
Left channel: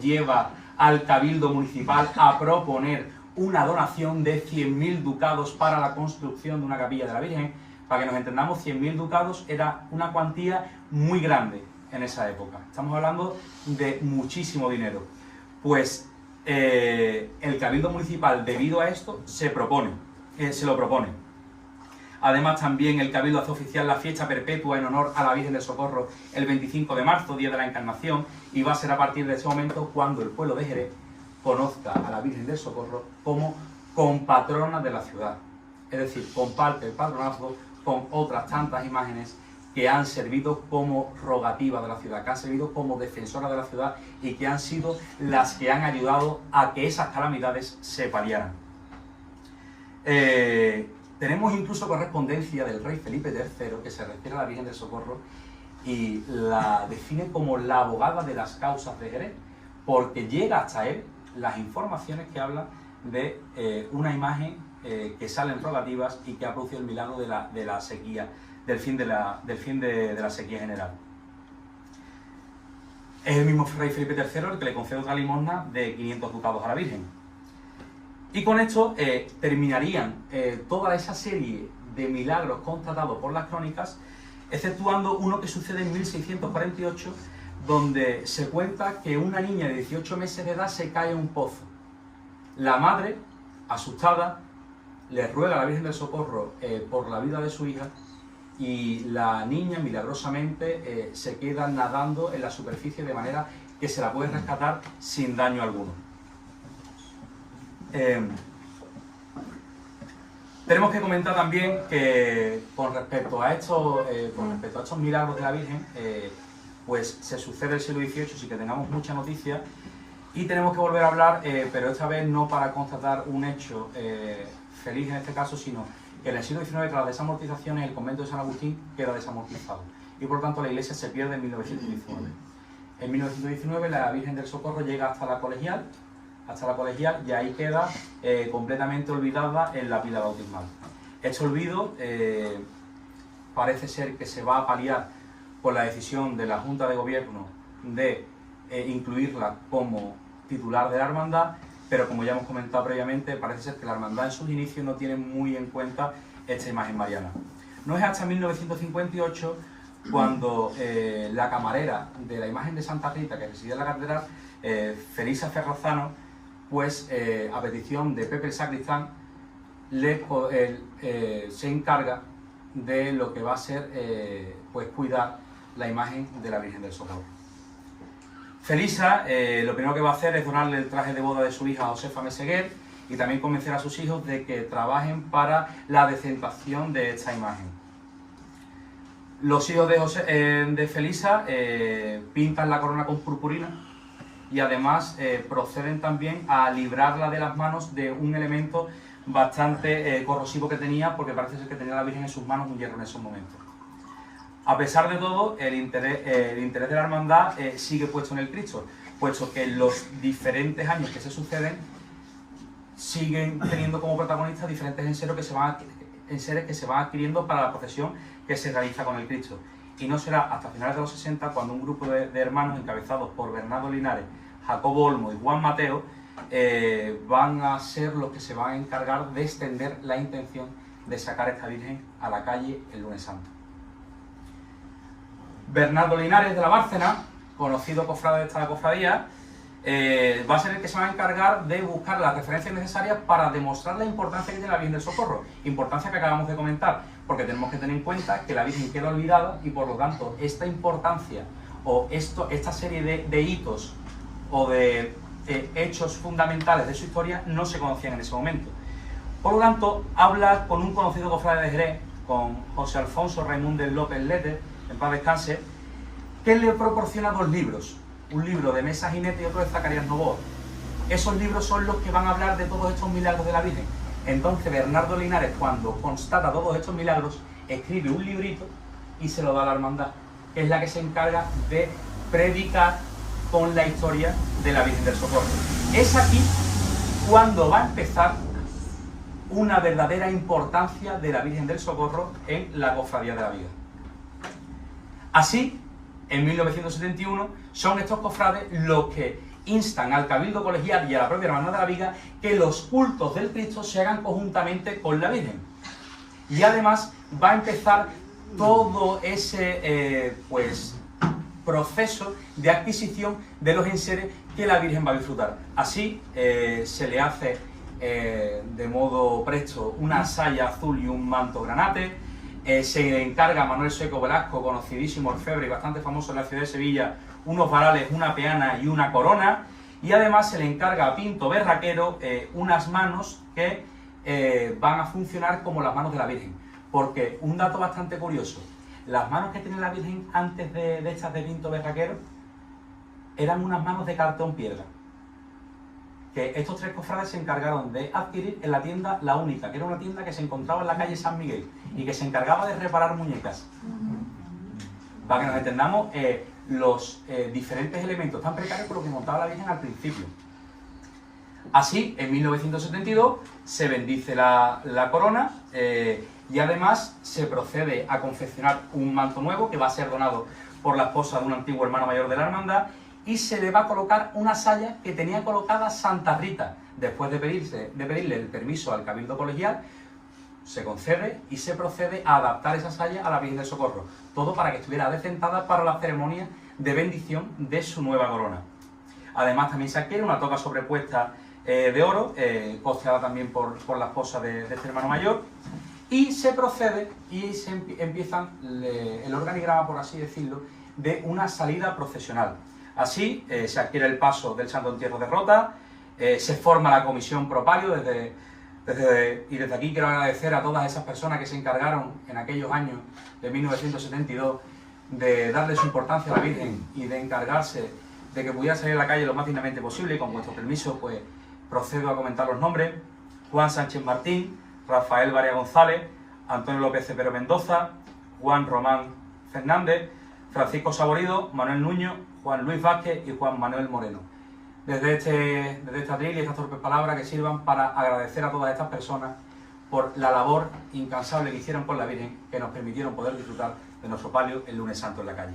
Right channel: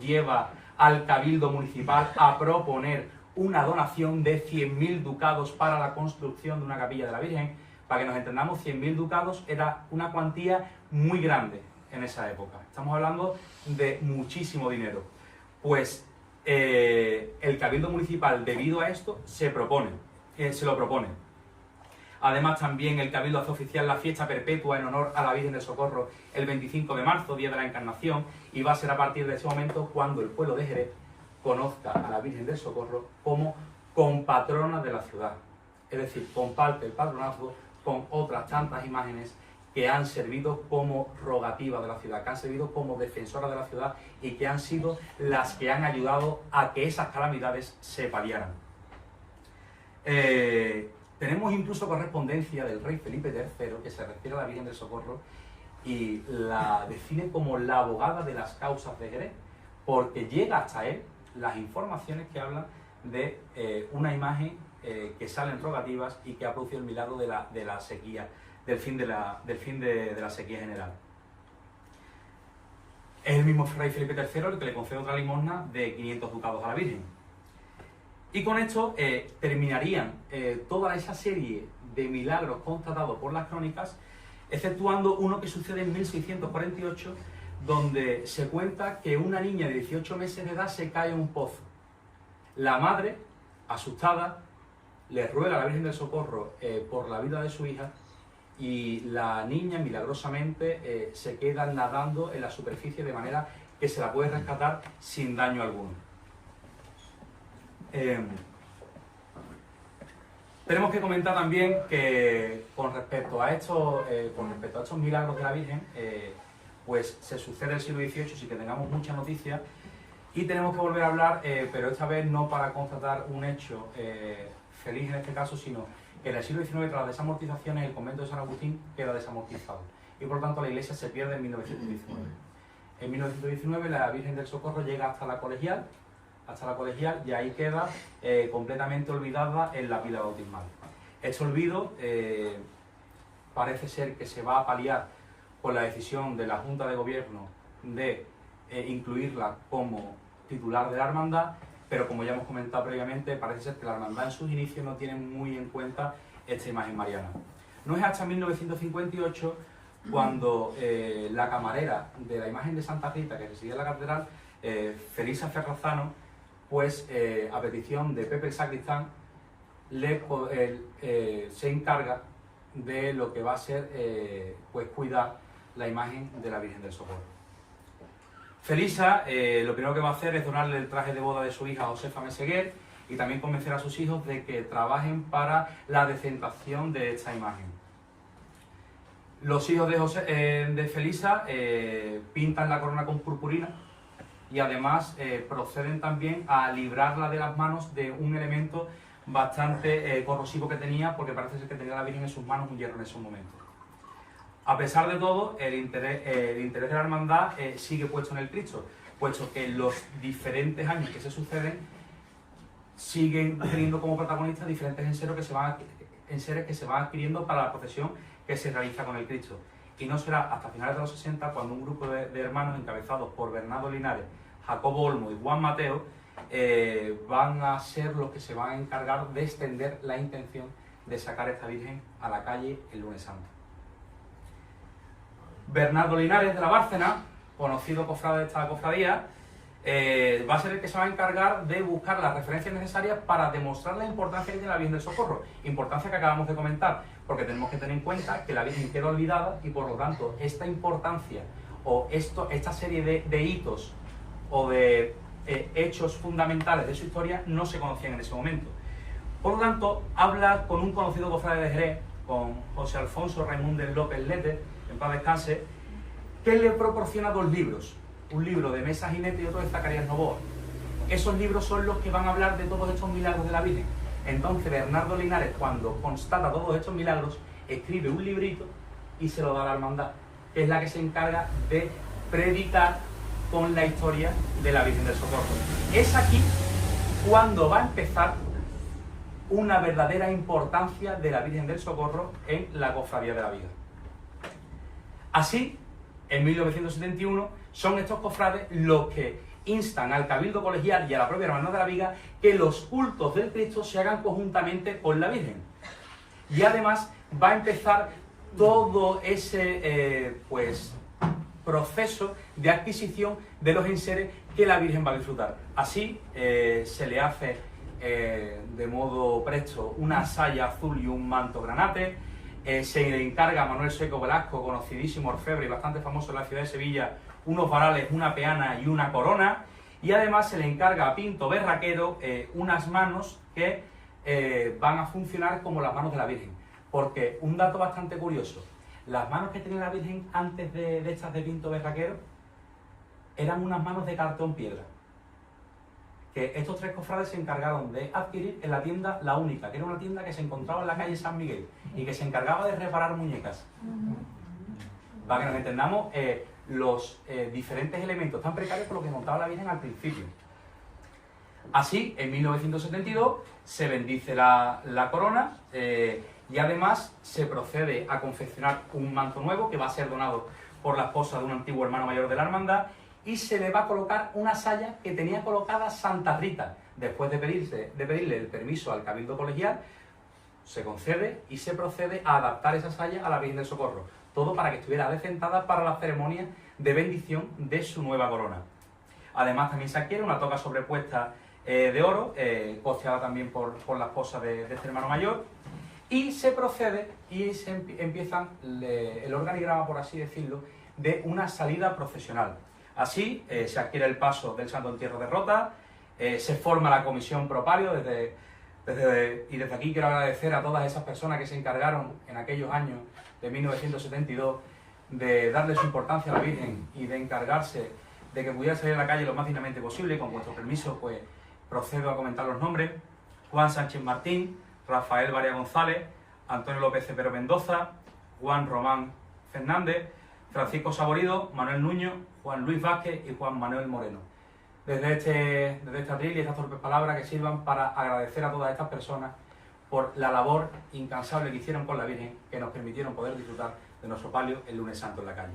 lleva al Cabildo Municipal a proponer una donación de 100.000 ducados para la construcción de una capilla de la Virgen. Para que nos entendamos, 100.000 ducados era una cuantía muy grande en esa época. Estamos hablando de muchísimo dinero. Pues el Cabildo Municipal, debido a esto, se lo propone. Además, también el Cabildo hace oficial la fiesta perpetua en honor a la Virgen del Socorro el 25 de marzo, Día de la Encarnación, y va a ser a partir de ese momento cuando el pueblo de Jerez conozca a la Virgen del Socorro como compatrona de la ciudad. Es decir, comparte el patronazgo con otras tantas imágenes que han servido como rogativa de la ciudad, que han servido como defensora de la ciudad y que han sido las que han ayudado a que esas calamidades se paliaran. Tenemos incluso correspondencia del rey Felipe III que se refiere a la Virgen del Socorro y la define como la abogada de las causas de Jerez, porque llega hasta él las informaciones que hablan de una imagen que sale en rogativas y que ha producido el milagro de la sequía, del fin de la sequía general. Es el mismo rey Felipe III el que le concede otra limosna de 500 ducados a la Virgen. Y con esto terminarían toda esa serie de milagros constatados por las crónicas, exceptuando uno que sucede en 1648, donde se cuenta que una niña de 18 meses de edad se cae en un pozo. La madre, asustada, le ruega a la Virgen del Socorro por la vida de su hija, y la niña milagrosamente se queda nadando en la superficie de manera que se la puede rescatar sin daño alguno. Tenemos que comentar también que con respecto a estos milagros de la Virgen, pues se sucede el siglo XVIII sin que tengamos mucha noticia, y tenemos que volver a hablar, pero esta vez no para constatar un hecho feliz en este caso, sino que en el siglo XIX, tras las desamortizaciones, el convento de San Agustín queda desamortizado y por tanto la iglesia se pierde en 1919. En 1919 la Virgen del Socorro llega hasta la Colegial, y ahí queda completamente olvidada en la pila bautismal. Este olvido parece ser que se va a paliar por la decisión de la Junta de Gobierno de incluirla como titular de la hermandad, pero como ya hemos comentado previamente, parece ser que la hermandad en sus inicios no tiene muy en cuenta esta imagen mariana. No es hasta 1958 cuando la camarera de la imagen de Santa Rita, que residía en la catedral, Felisa Ferrazano, pues a petición de Pepe el Sacristán, se encarga de lo que va a ser pues cuidar la imagen de la Virgen del Socorro. Felisa lo primero que va a hacer es donarle el traje de boda de su hija Josefa Meseguer y también convencer a sus hijos de que trabajen para la decentación de esta imagen. Los hijos de Felisa pintan la corona con purpurina y además proceden también a librarla de las manos de un elemento bastante corrosivo que tenía, porque parece ser que tenía la Virgen en sus manos un hierro en esos momentos. A pesar de todo, el interés de la hermandad sigue puesto en el Cristo, puesto que los diferentes años que se suceden siguen teniendo como protagonistas diferentes enseres que se van adquiriendo para la procesión que se realiza con el Cristo. Y no será hasta finales de los 60 cuando un grupo de hermanos encabezados por Bernardo Linares, Jacobo Olmo y Juan Mateo van a ser los que se van a encargar de extender la intención de sacar esta Virgen a la calle el lunes santo. Bernardo Linares de la Bárcena, conocido cofrade de esta cofradía, va a ser el que se va a encargar de buscar las referencias necesarias para demostrar la importancia que tiene la Virgen del Socorro, importancia que acabamos de comentar, porque tenemos que tener en cuenta que la Virgen queda olvidada y por lo tanto esta importancia o esta serie de hitos o de hechos fundamentales de su historia no se conocían en ese momento. Por lo tanto, habla con un conocido cofrade de Jerez, con José Alfonso Raimundo López Lete, en paz descanse, que le proporciona dos libros, un libro de Mesa Jinete y otro de Zacarías Novoa. Esos libros son los que van a hablar de todos estos milagros de la Virgen. Entonces Bernardo Linares, cuando constata todos estos milagros, escribe un librito y se lo da a la hermandad, que es la que se encarga de predicar con la historia de la Virgen del Socorro. Es aquí cuando va a empezar una verdadera importancia de la Virgen del Socorro en la Cofradía de la Viga. Así, en 1971, son estos cofrades los que instan al Cabildo Colegial y a la propia Hermandad de la Viga que los cultos del Cristo se hagan conjuntamente con la Virgen. Y además va a empezar todo ese proceso de adquisición de los enseres que la Virgen va a disfrutar. Así se le hace de modo presto una saya azul y un manto granate. Se le encarga a Manuel Seco Velasco, conocidísimo orfebre y bastante famoso en la ciudad de Sevilla, unos varales, una peana y una corona. Y además se le encarga a Pinto Berraquero unas manos que van a funcionar como las manos de la Virgen. Porque un dato bastante curioso, las manos que tiene la Virgen antes de estas de Pinto Berraquero eran unas manos de cartón piedra, que estos tres cofrades se encargaron de adquirir en la tienda La Única, que era una tienda que se encontraba en la calle San Miguel y que se encargaba de reparar muñecas. Para que nos entendamos los diferentes elementos tan precarios con los que montaba la Virgen al principio. Así, en 1972 se bendice la corona y además se procede a confeccionar un manto nuevo que va a ser donado por la esposa de un antiguo hermano mayor de la hermandad, y se le va a colocar una saya que tenía colocada Santa Rita. Después de pedirle el permiso al Cabildo Colegial, se concede y se procede a adaptar esa saya a la Virgen del Socorro. Todo para que estuviera decentada para la ceremonia de bendición de su nueva corona. Además también se adquiere una toca sobrepuesta de oro, costeada también por la esposa de este hermano mayor. Y se procede y se empieza el organigrama, por así decirlo, de una salida procesional. Así se adquiere el paso del Santo Entierro de Rota, se forma la comisión pro palio y desde aquí quiero agradecer a todas esas personas que se encargaron en aquellos años de 1972 de darle su importancia a la Virgen y de encargarse de que pudiera salir a la calle lo más dignamente posible. Y con vuestro permiso, pues procedo a comentar los nombres: Juan Sánchez Martín, Rafael Varia González, Antonio López Cepero Mendoza, Juan Román Fernández, Francisco Saborido, Manuel Nuño, Juan Luis Vázquez y Juan Manuel Moreno. Desde este atril y estas torpes palabras que sirvan para agradecer a todas estas personas por la labor incansable que hicieron con la Virgen, que nos permitieron poder disfrutar de nuestro palio el lunes santo en la calle.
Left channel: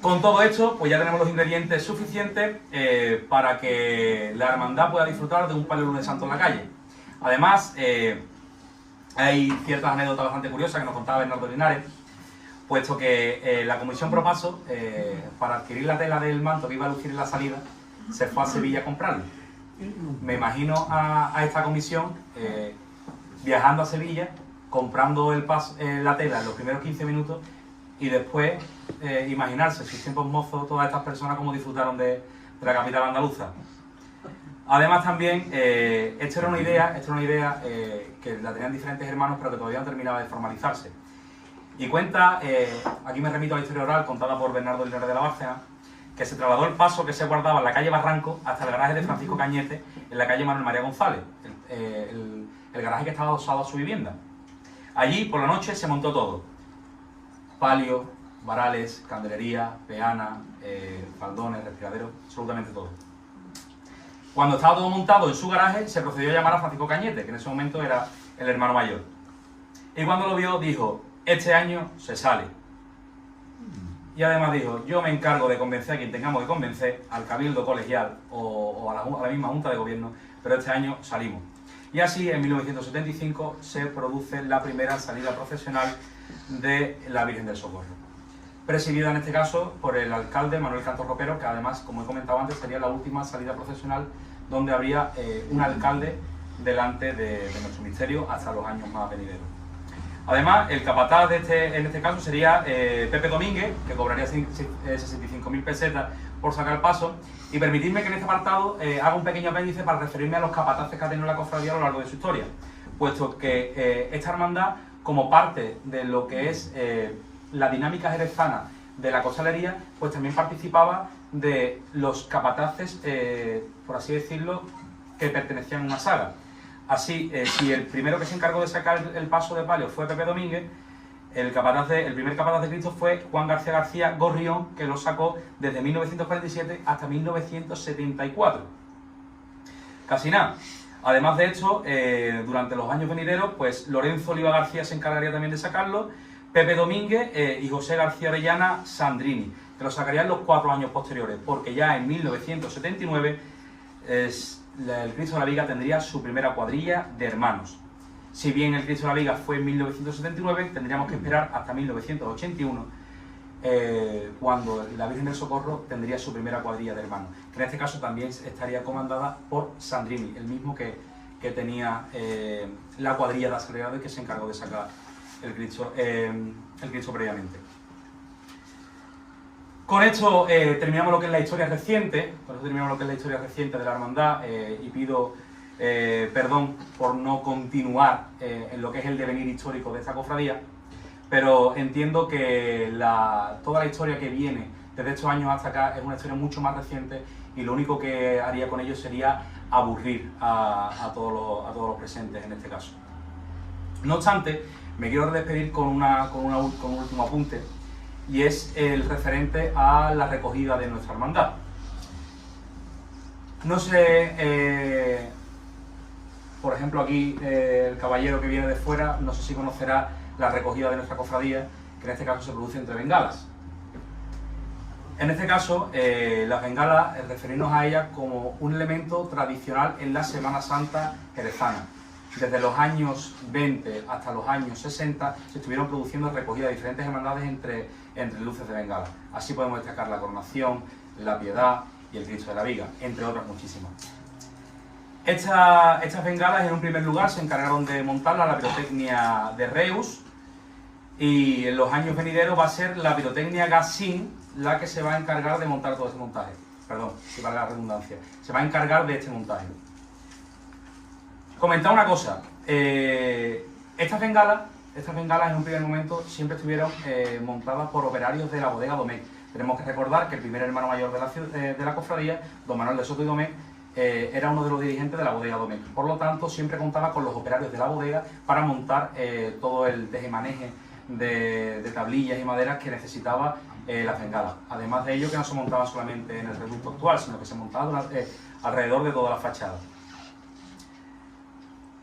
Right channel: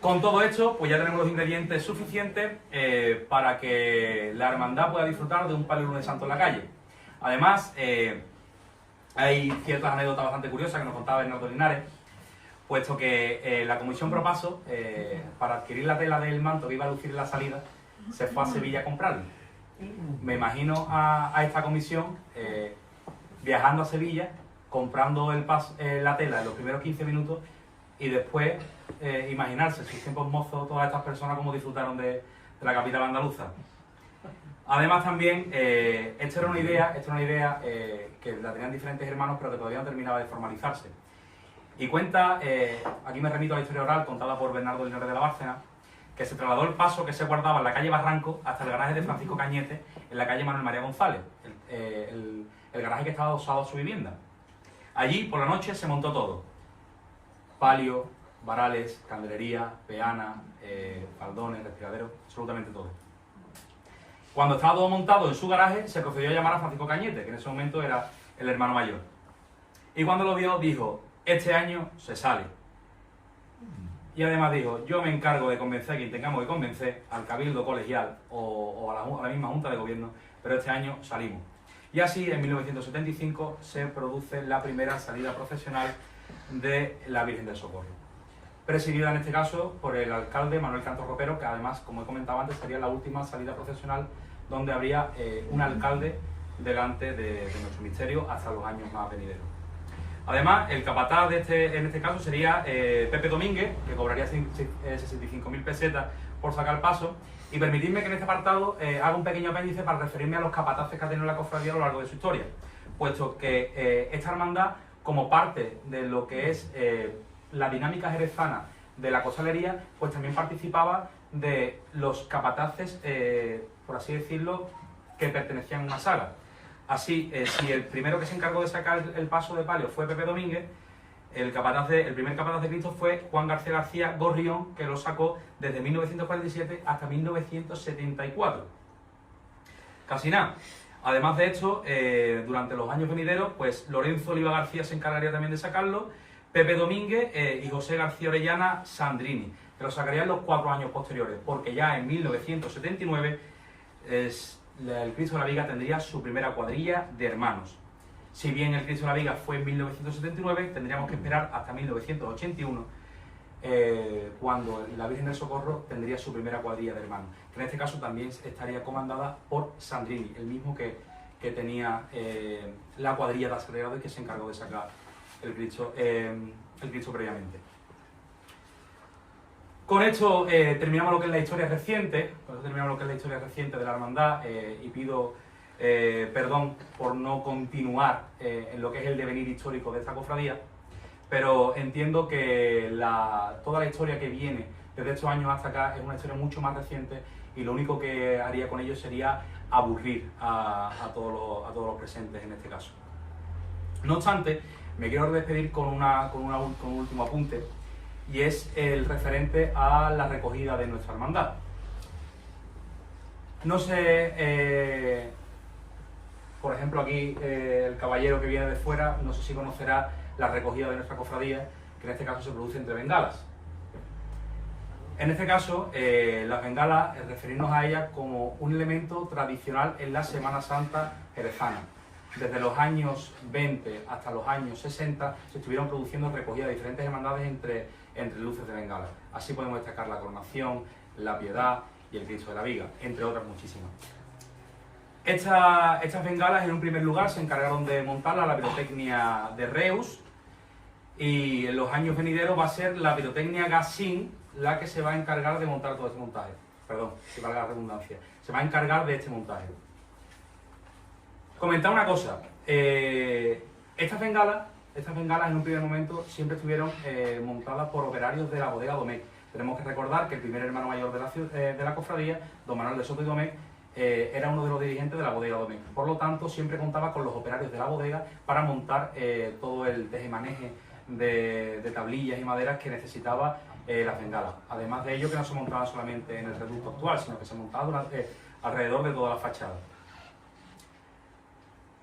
Con todo esto, pues ya tenemos los ingredientes suficientes para que la hermandad pueda disfrutar de un palio lunes santo en la calle. Además, hay ciertas anécdotas bastante curiosas que nos contaba Bernardo Linares, puesto que la comisión pro paso, para adquirir la tela del manto que iba a lucir en la salida, se fue a Sevilla a comprarlo. Me imagino a esta comisión viajando a Sevilla, comprando la tela en los primeros 15 minutos, y después imaginarse, sus tiempos mozos, todas estas personas cómo disfrutaron de la capital andaluza. Además también, esta era una idea que la tenían diferentes hermanos, pero que todavía no terminaba de formalizarse. Y cuenta, aquí me remito a la historia oral contada por Bernardo Linares de la Bárcena, que se trasladó el paso que se guardaba en la calle Barranco hasta el garaje de Francisco Cañete en la calle Manuel María González, el garaje que estaba adosado a su vivienda. Allí, por la noche, se montó todo: palio, varales, candelería, peana, faldones, respiraderos, absolutamente todo. Cuando estaba todo montado en su garaje, se procedió a llamar a Francisco Cañete, que en ese momento era el hermano mayor. Y cuando lo vio, dijo: este año se sale. Y además dijo: yo me encargo de convencer a quien tengamos que convencer, al Cabildo Colegial o a la misma Junta de Gobierno, pero este año salimos. Y así, en 1975, se produce la primera salida procesional de la Virgen del Socorro, presidida en este caso por el alcalde Manuel Cantos Ropero, que además, como he comentado antes, sería la última salida procesional donde habría un alcalde delante de nuestro misterio hasta los años más venideros. Además, el capataz en este caso sería Pepe Domínguez, que cobraría 65.000 pesetas por sacar el paso. Y permitidme que en este apartado haga un pequeño apéndice para referirme a los capataces que ha tenido la cofradía a lo largo de su historia, puesto que esta hermandad, como parte de lo que es la dinámica jerezana de la costalería, pues también participaba de los capataces, por así decirlo, que pertenecían a una saga. Así, si el primero que se encargó de sacar el paso de palio fue Pepe Domínguez, el primer capataz de Cristo fue Juan García García Gorrión, que lo sacó desde 1947 hasta 1974. Casi nada. Además de esto, durante los años venideros, pues Lorenzo Oliva García se encargaría también de sacarlo, Pepe Domínguez y José García Orellana Sandrini, que lo sacarían los 4 años posteriores, porque ya en 1979 el Cristo de la Viga tendría su primera cuadrilla de hermanos. Si bien el Cristo de la Viga fue en 1979, tendríamos que esperar hasta 1981, cuando la Virgen del Socorro tendría su primera cuadrilla de hermanos, que en este caso también estaría comandada por Sandrini, el mismo que tenía la cuadrilla de Sagrado y que se encargó de sacar el Cristo previamente. Con esto terminamos lo que es la historia reciente, de la hermandad, y pido perdón por no continuar en lo que es el devenir histórico de esta cofradía, pero entiendo que toda la historia que viene desde estos años hasta acá es una historia mucho más reciente, y lo único que haría con ello sería aburrir a todos los presentes en este caso. No obstante, me quiero despedir con un último apunte, y es el referente a la recogida de nuestra hermandad. No sé, por ejemplo aquí el caballero que viene de fuera, no sé si conocerá la recogida de nuestra cofradía, que en este caso se produce entre bengalas. En este caso, las bengalas, referirnos a ellas como un elemento tradicional en la Semana Santa jerezana. Desde los años 20 hasta los años 60 se estuvieron produciendo recogidas de diferentes hermandades entre luces de bengala. Así podemos destacar la Coronación, la Piedad y el Cristo de la Viga, entre otras muchísimas. Estas bengalas, en un primer lugar, se encargaron de montarla la pirotecnia de Reus, y en los años venideros va a ser la pirotecnia Gassin la que se va a encargar de montar todo este montaje. Perdón, si valga la redundancia. Se va a encargar de este montaje. Comentar una cosa. Estas bengalas en un primer momento siempre estuvieron montadas por operarios de la bodega Domecq. Tenemos que recordar que el primer hermano mayor de la cofradía, don Manuel de Soto y Domecq, era uno de los dirigentes de la bodega Domecq. Por lo tanto, siempre contaba con los operarios de la bodega para montar todo el tejemaneje de tablillas y maderas que necesitaba las bengalas. Además de ello, que no se montaban solamente en el reducto actual, sino que se montaban alrededor de toda la fachada.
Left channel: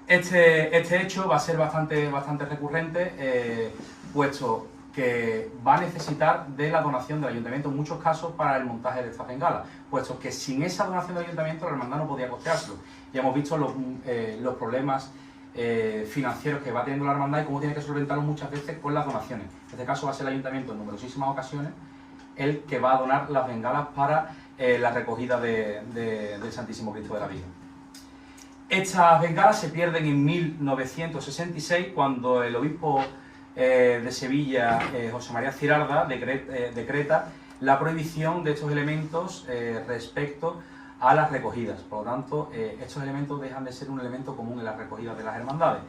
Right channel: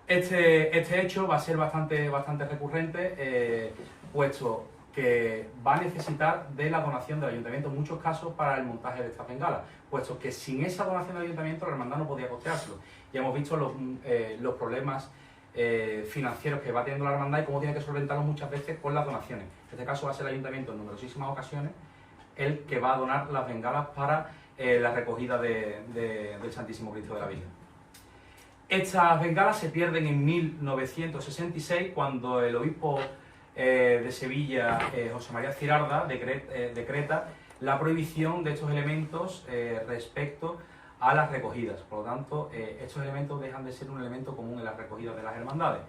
Este hecho va a ser bastante recurrente, puesto que va a necesitar de la donación del ayuntamiento en muchos casos para el montaje de estas bengalas, puesto que sin esa donación del ayuntamiento la hermandad no podía costeárselo. Ya hemos visto los problemas financieros que va teniendo la hermandad y cómo tiene que solventarlos muchas veces con las donaciones. En este caso va a ser el ayuntamiento en numerosísimas ocasiones el que va a donar las bengalas para la recogida del Santísimo Cristo de la Viga. Estas bengalas se pierden en 1966, cuando el obispo de Sevilla, José María Cirarda, decreta la prohibición de estos elementos respecto a las recogidas. Por lo tanto, estos elementos dejan de ser un elemento común en las recogidas de las hermandades.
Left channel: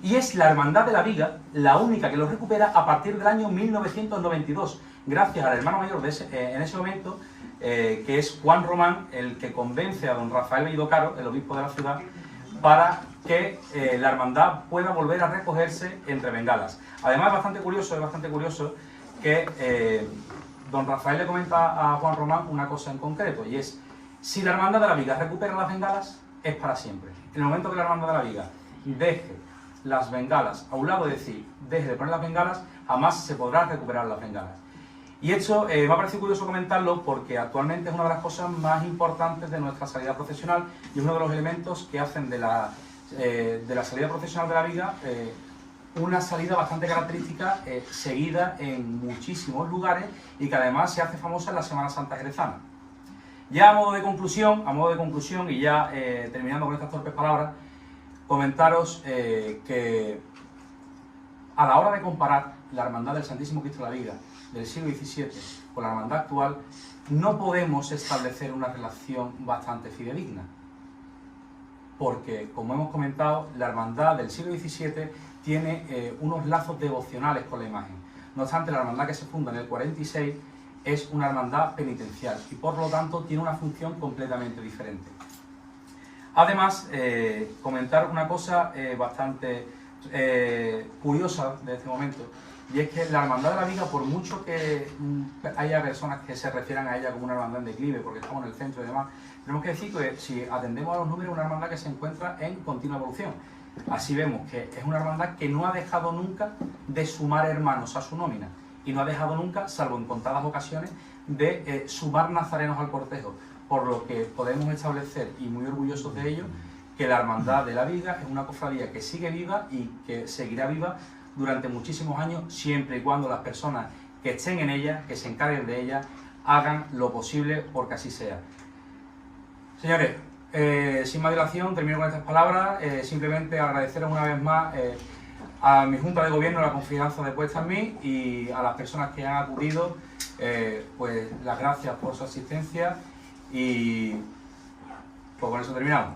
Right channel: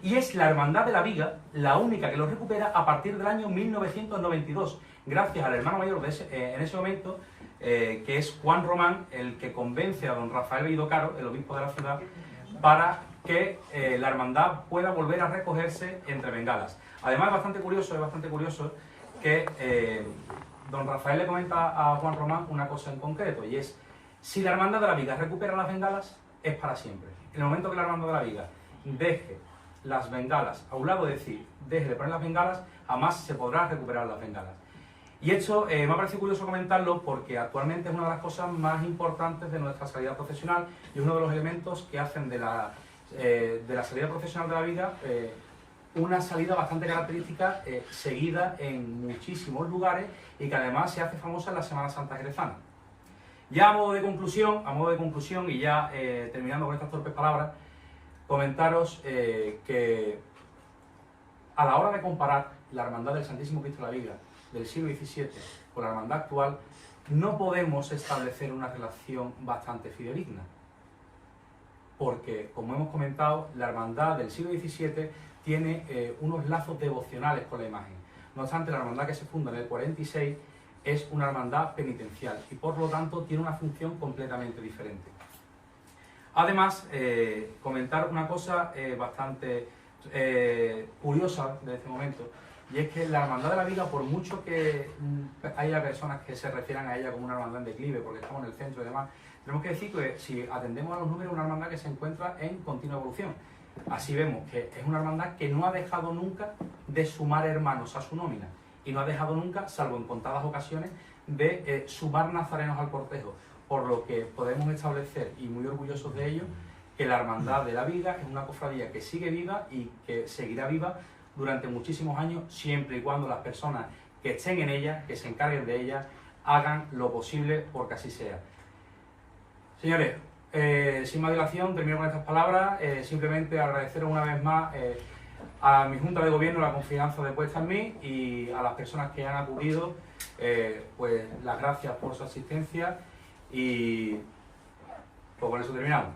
Y es la Hermandad de la Viga la única que los recupera a partir del año 1992, gracias al hermano mayor en ese momento, que es Juan Román, el que convence a don Rafael Bellido Caro, el obispo de la ciudad, para que la hermandad pueda volver a recogerse entre bengalas. Además, es bastante curioso que don Rafael le comenta a Juan Román una cosa en concreto, y es: si la Hermandad de la Viga recupera las bengalas, es para siempre. En el momento que la Hermandad de la Viga deje las bengalas a un lado, es decir, deje de poner las bengalas, jamás se podrán recuperar las bengalas. Y esto me ha parecido curioso comentarlo, porque actualmente es una de las cosas más importantes de nuestra salida procesional, y es uno de los elementos que hacen de la salida procesional de la Viga una salida bastante característica, seguida en muchísimos lugares, y que además se hace famosa en la Semana Santa jerezana. Ya a modo de conclusión, y ya terminando con estas torpes palabras, comentaros que a la hora de comparar la Hermandad del Santísimo Cristo de la Viga del siglo XVII con la hermandad actual, no podemos establecer una relación bastante fidedigna, porque, como hemos comentado, la hermandad del siglo XVII tiene unos lazos devocionales con la imagen. No obstante, la hermandad que se funda en el 46 es una hermandad penitencial y, por lo tanto, tiene una función completamente diferente. Además, comentar una cosa bastante curiosa de este momento, Y es que la Hermandad de la Viga, por mucho que haya personas que se refieran a ella como una hermandad en declive, porque estamos en el centro y demás, tenemos que decir que si atendemos a los números, es una hermandad que se encuentra en continua evolución. Así vemos que es una hermandad que no ha dejado nunca de sumar hermanos a su nómina y no ha dejado nunca, salvo en contadas ocasiones, de sumar nazarenos al cortejo, por lo que podemos establecer, y muy orgullosos de ello, que la Hermandad de la Viga es una cofradía que sigue viva y que seguirá viva durante muchísimos años, siempre y cuando las personas que estén en ella, que se encarguen de ella, hagan lo posible porque así sea. Señores, sin más dilación, termino con estas palabras. Simplemente agradeceros una vez más a mi Junta de Gobierno la confianza depuesta en mí y a las personas que han acudido, pues las gracias por su asistencia y pues con eso terminamos.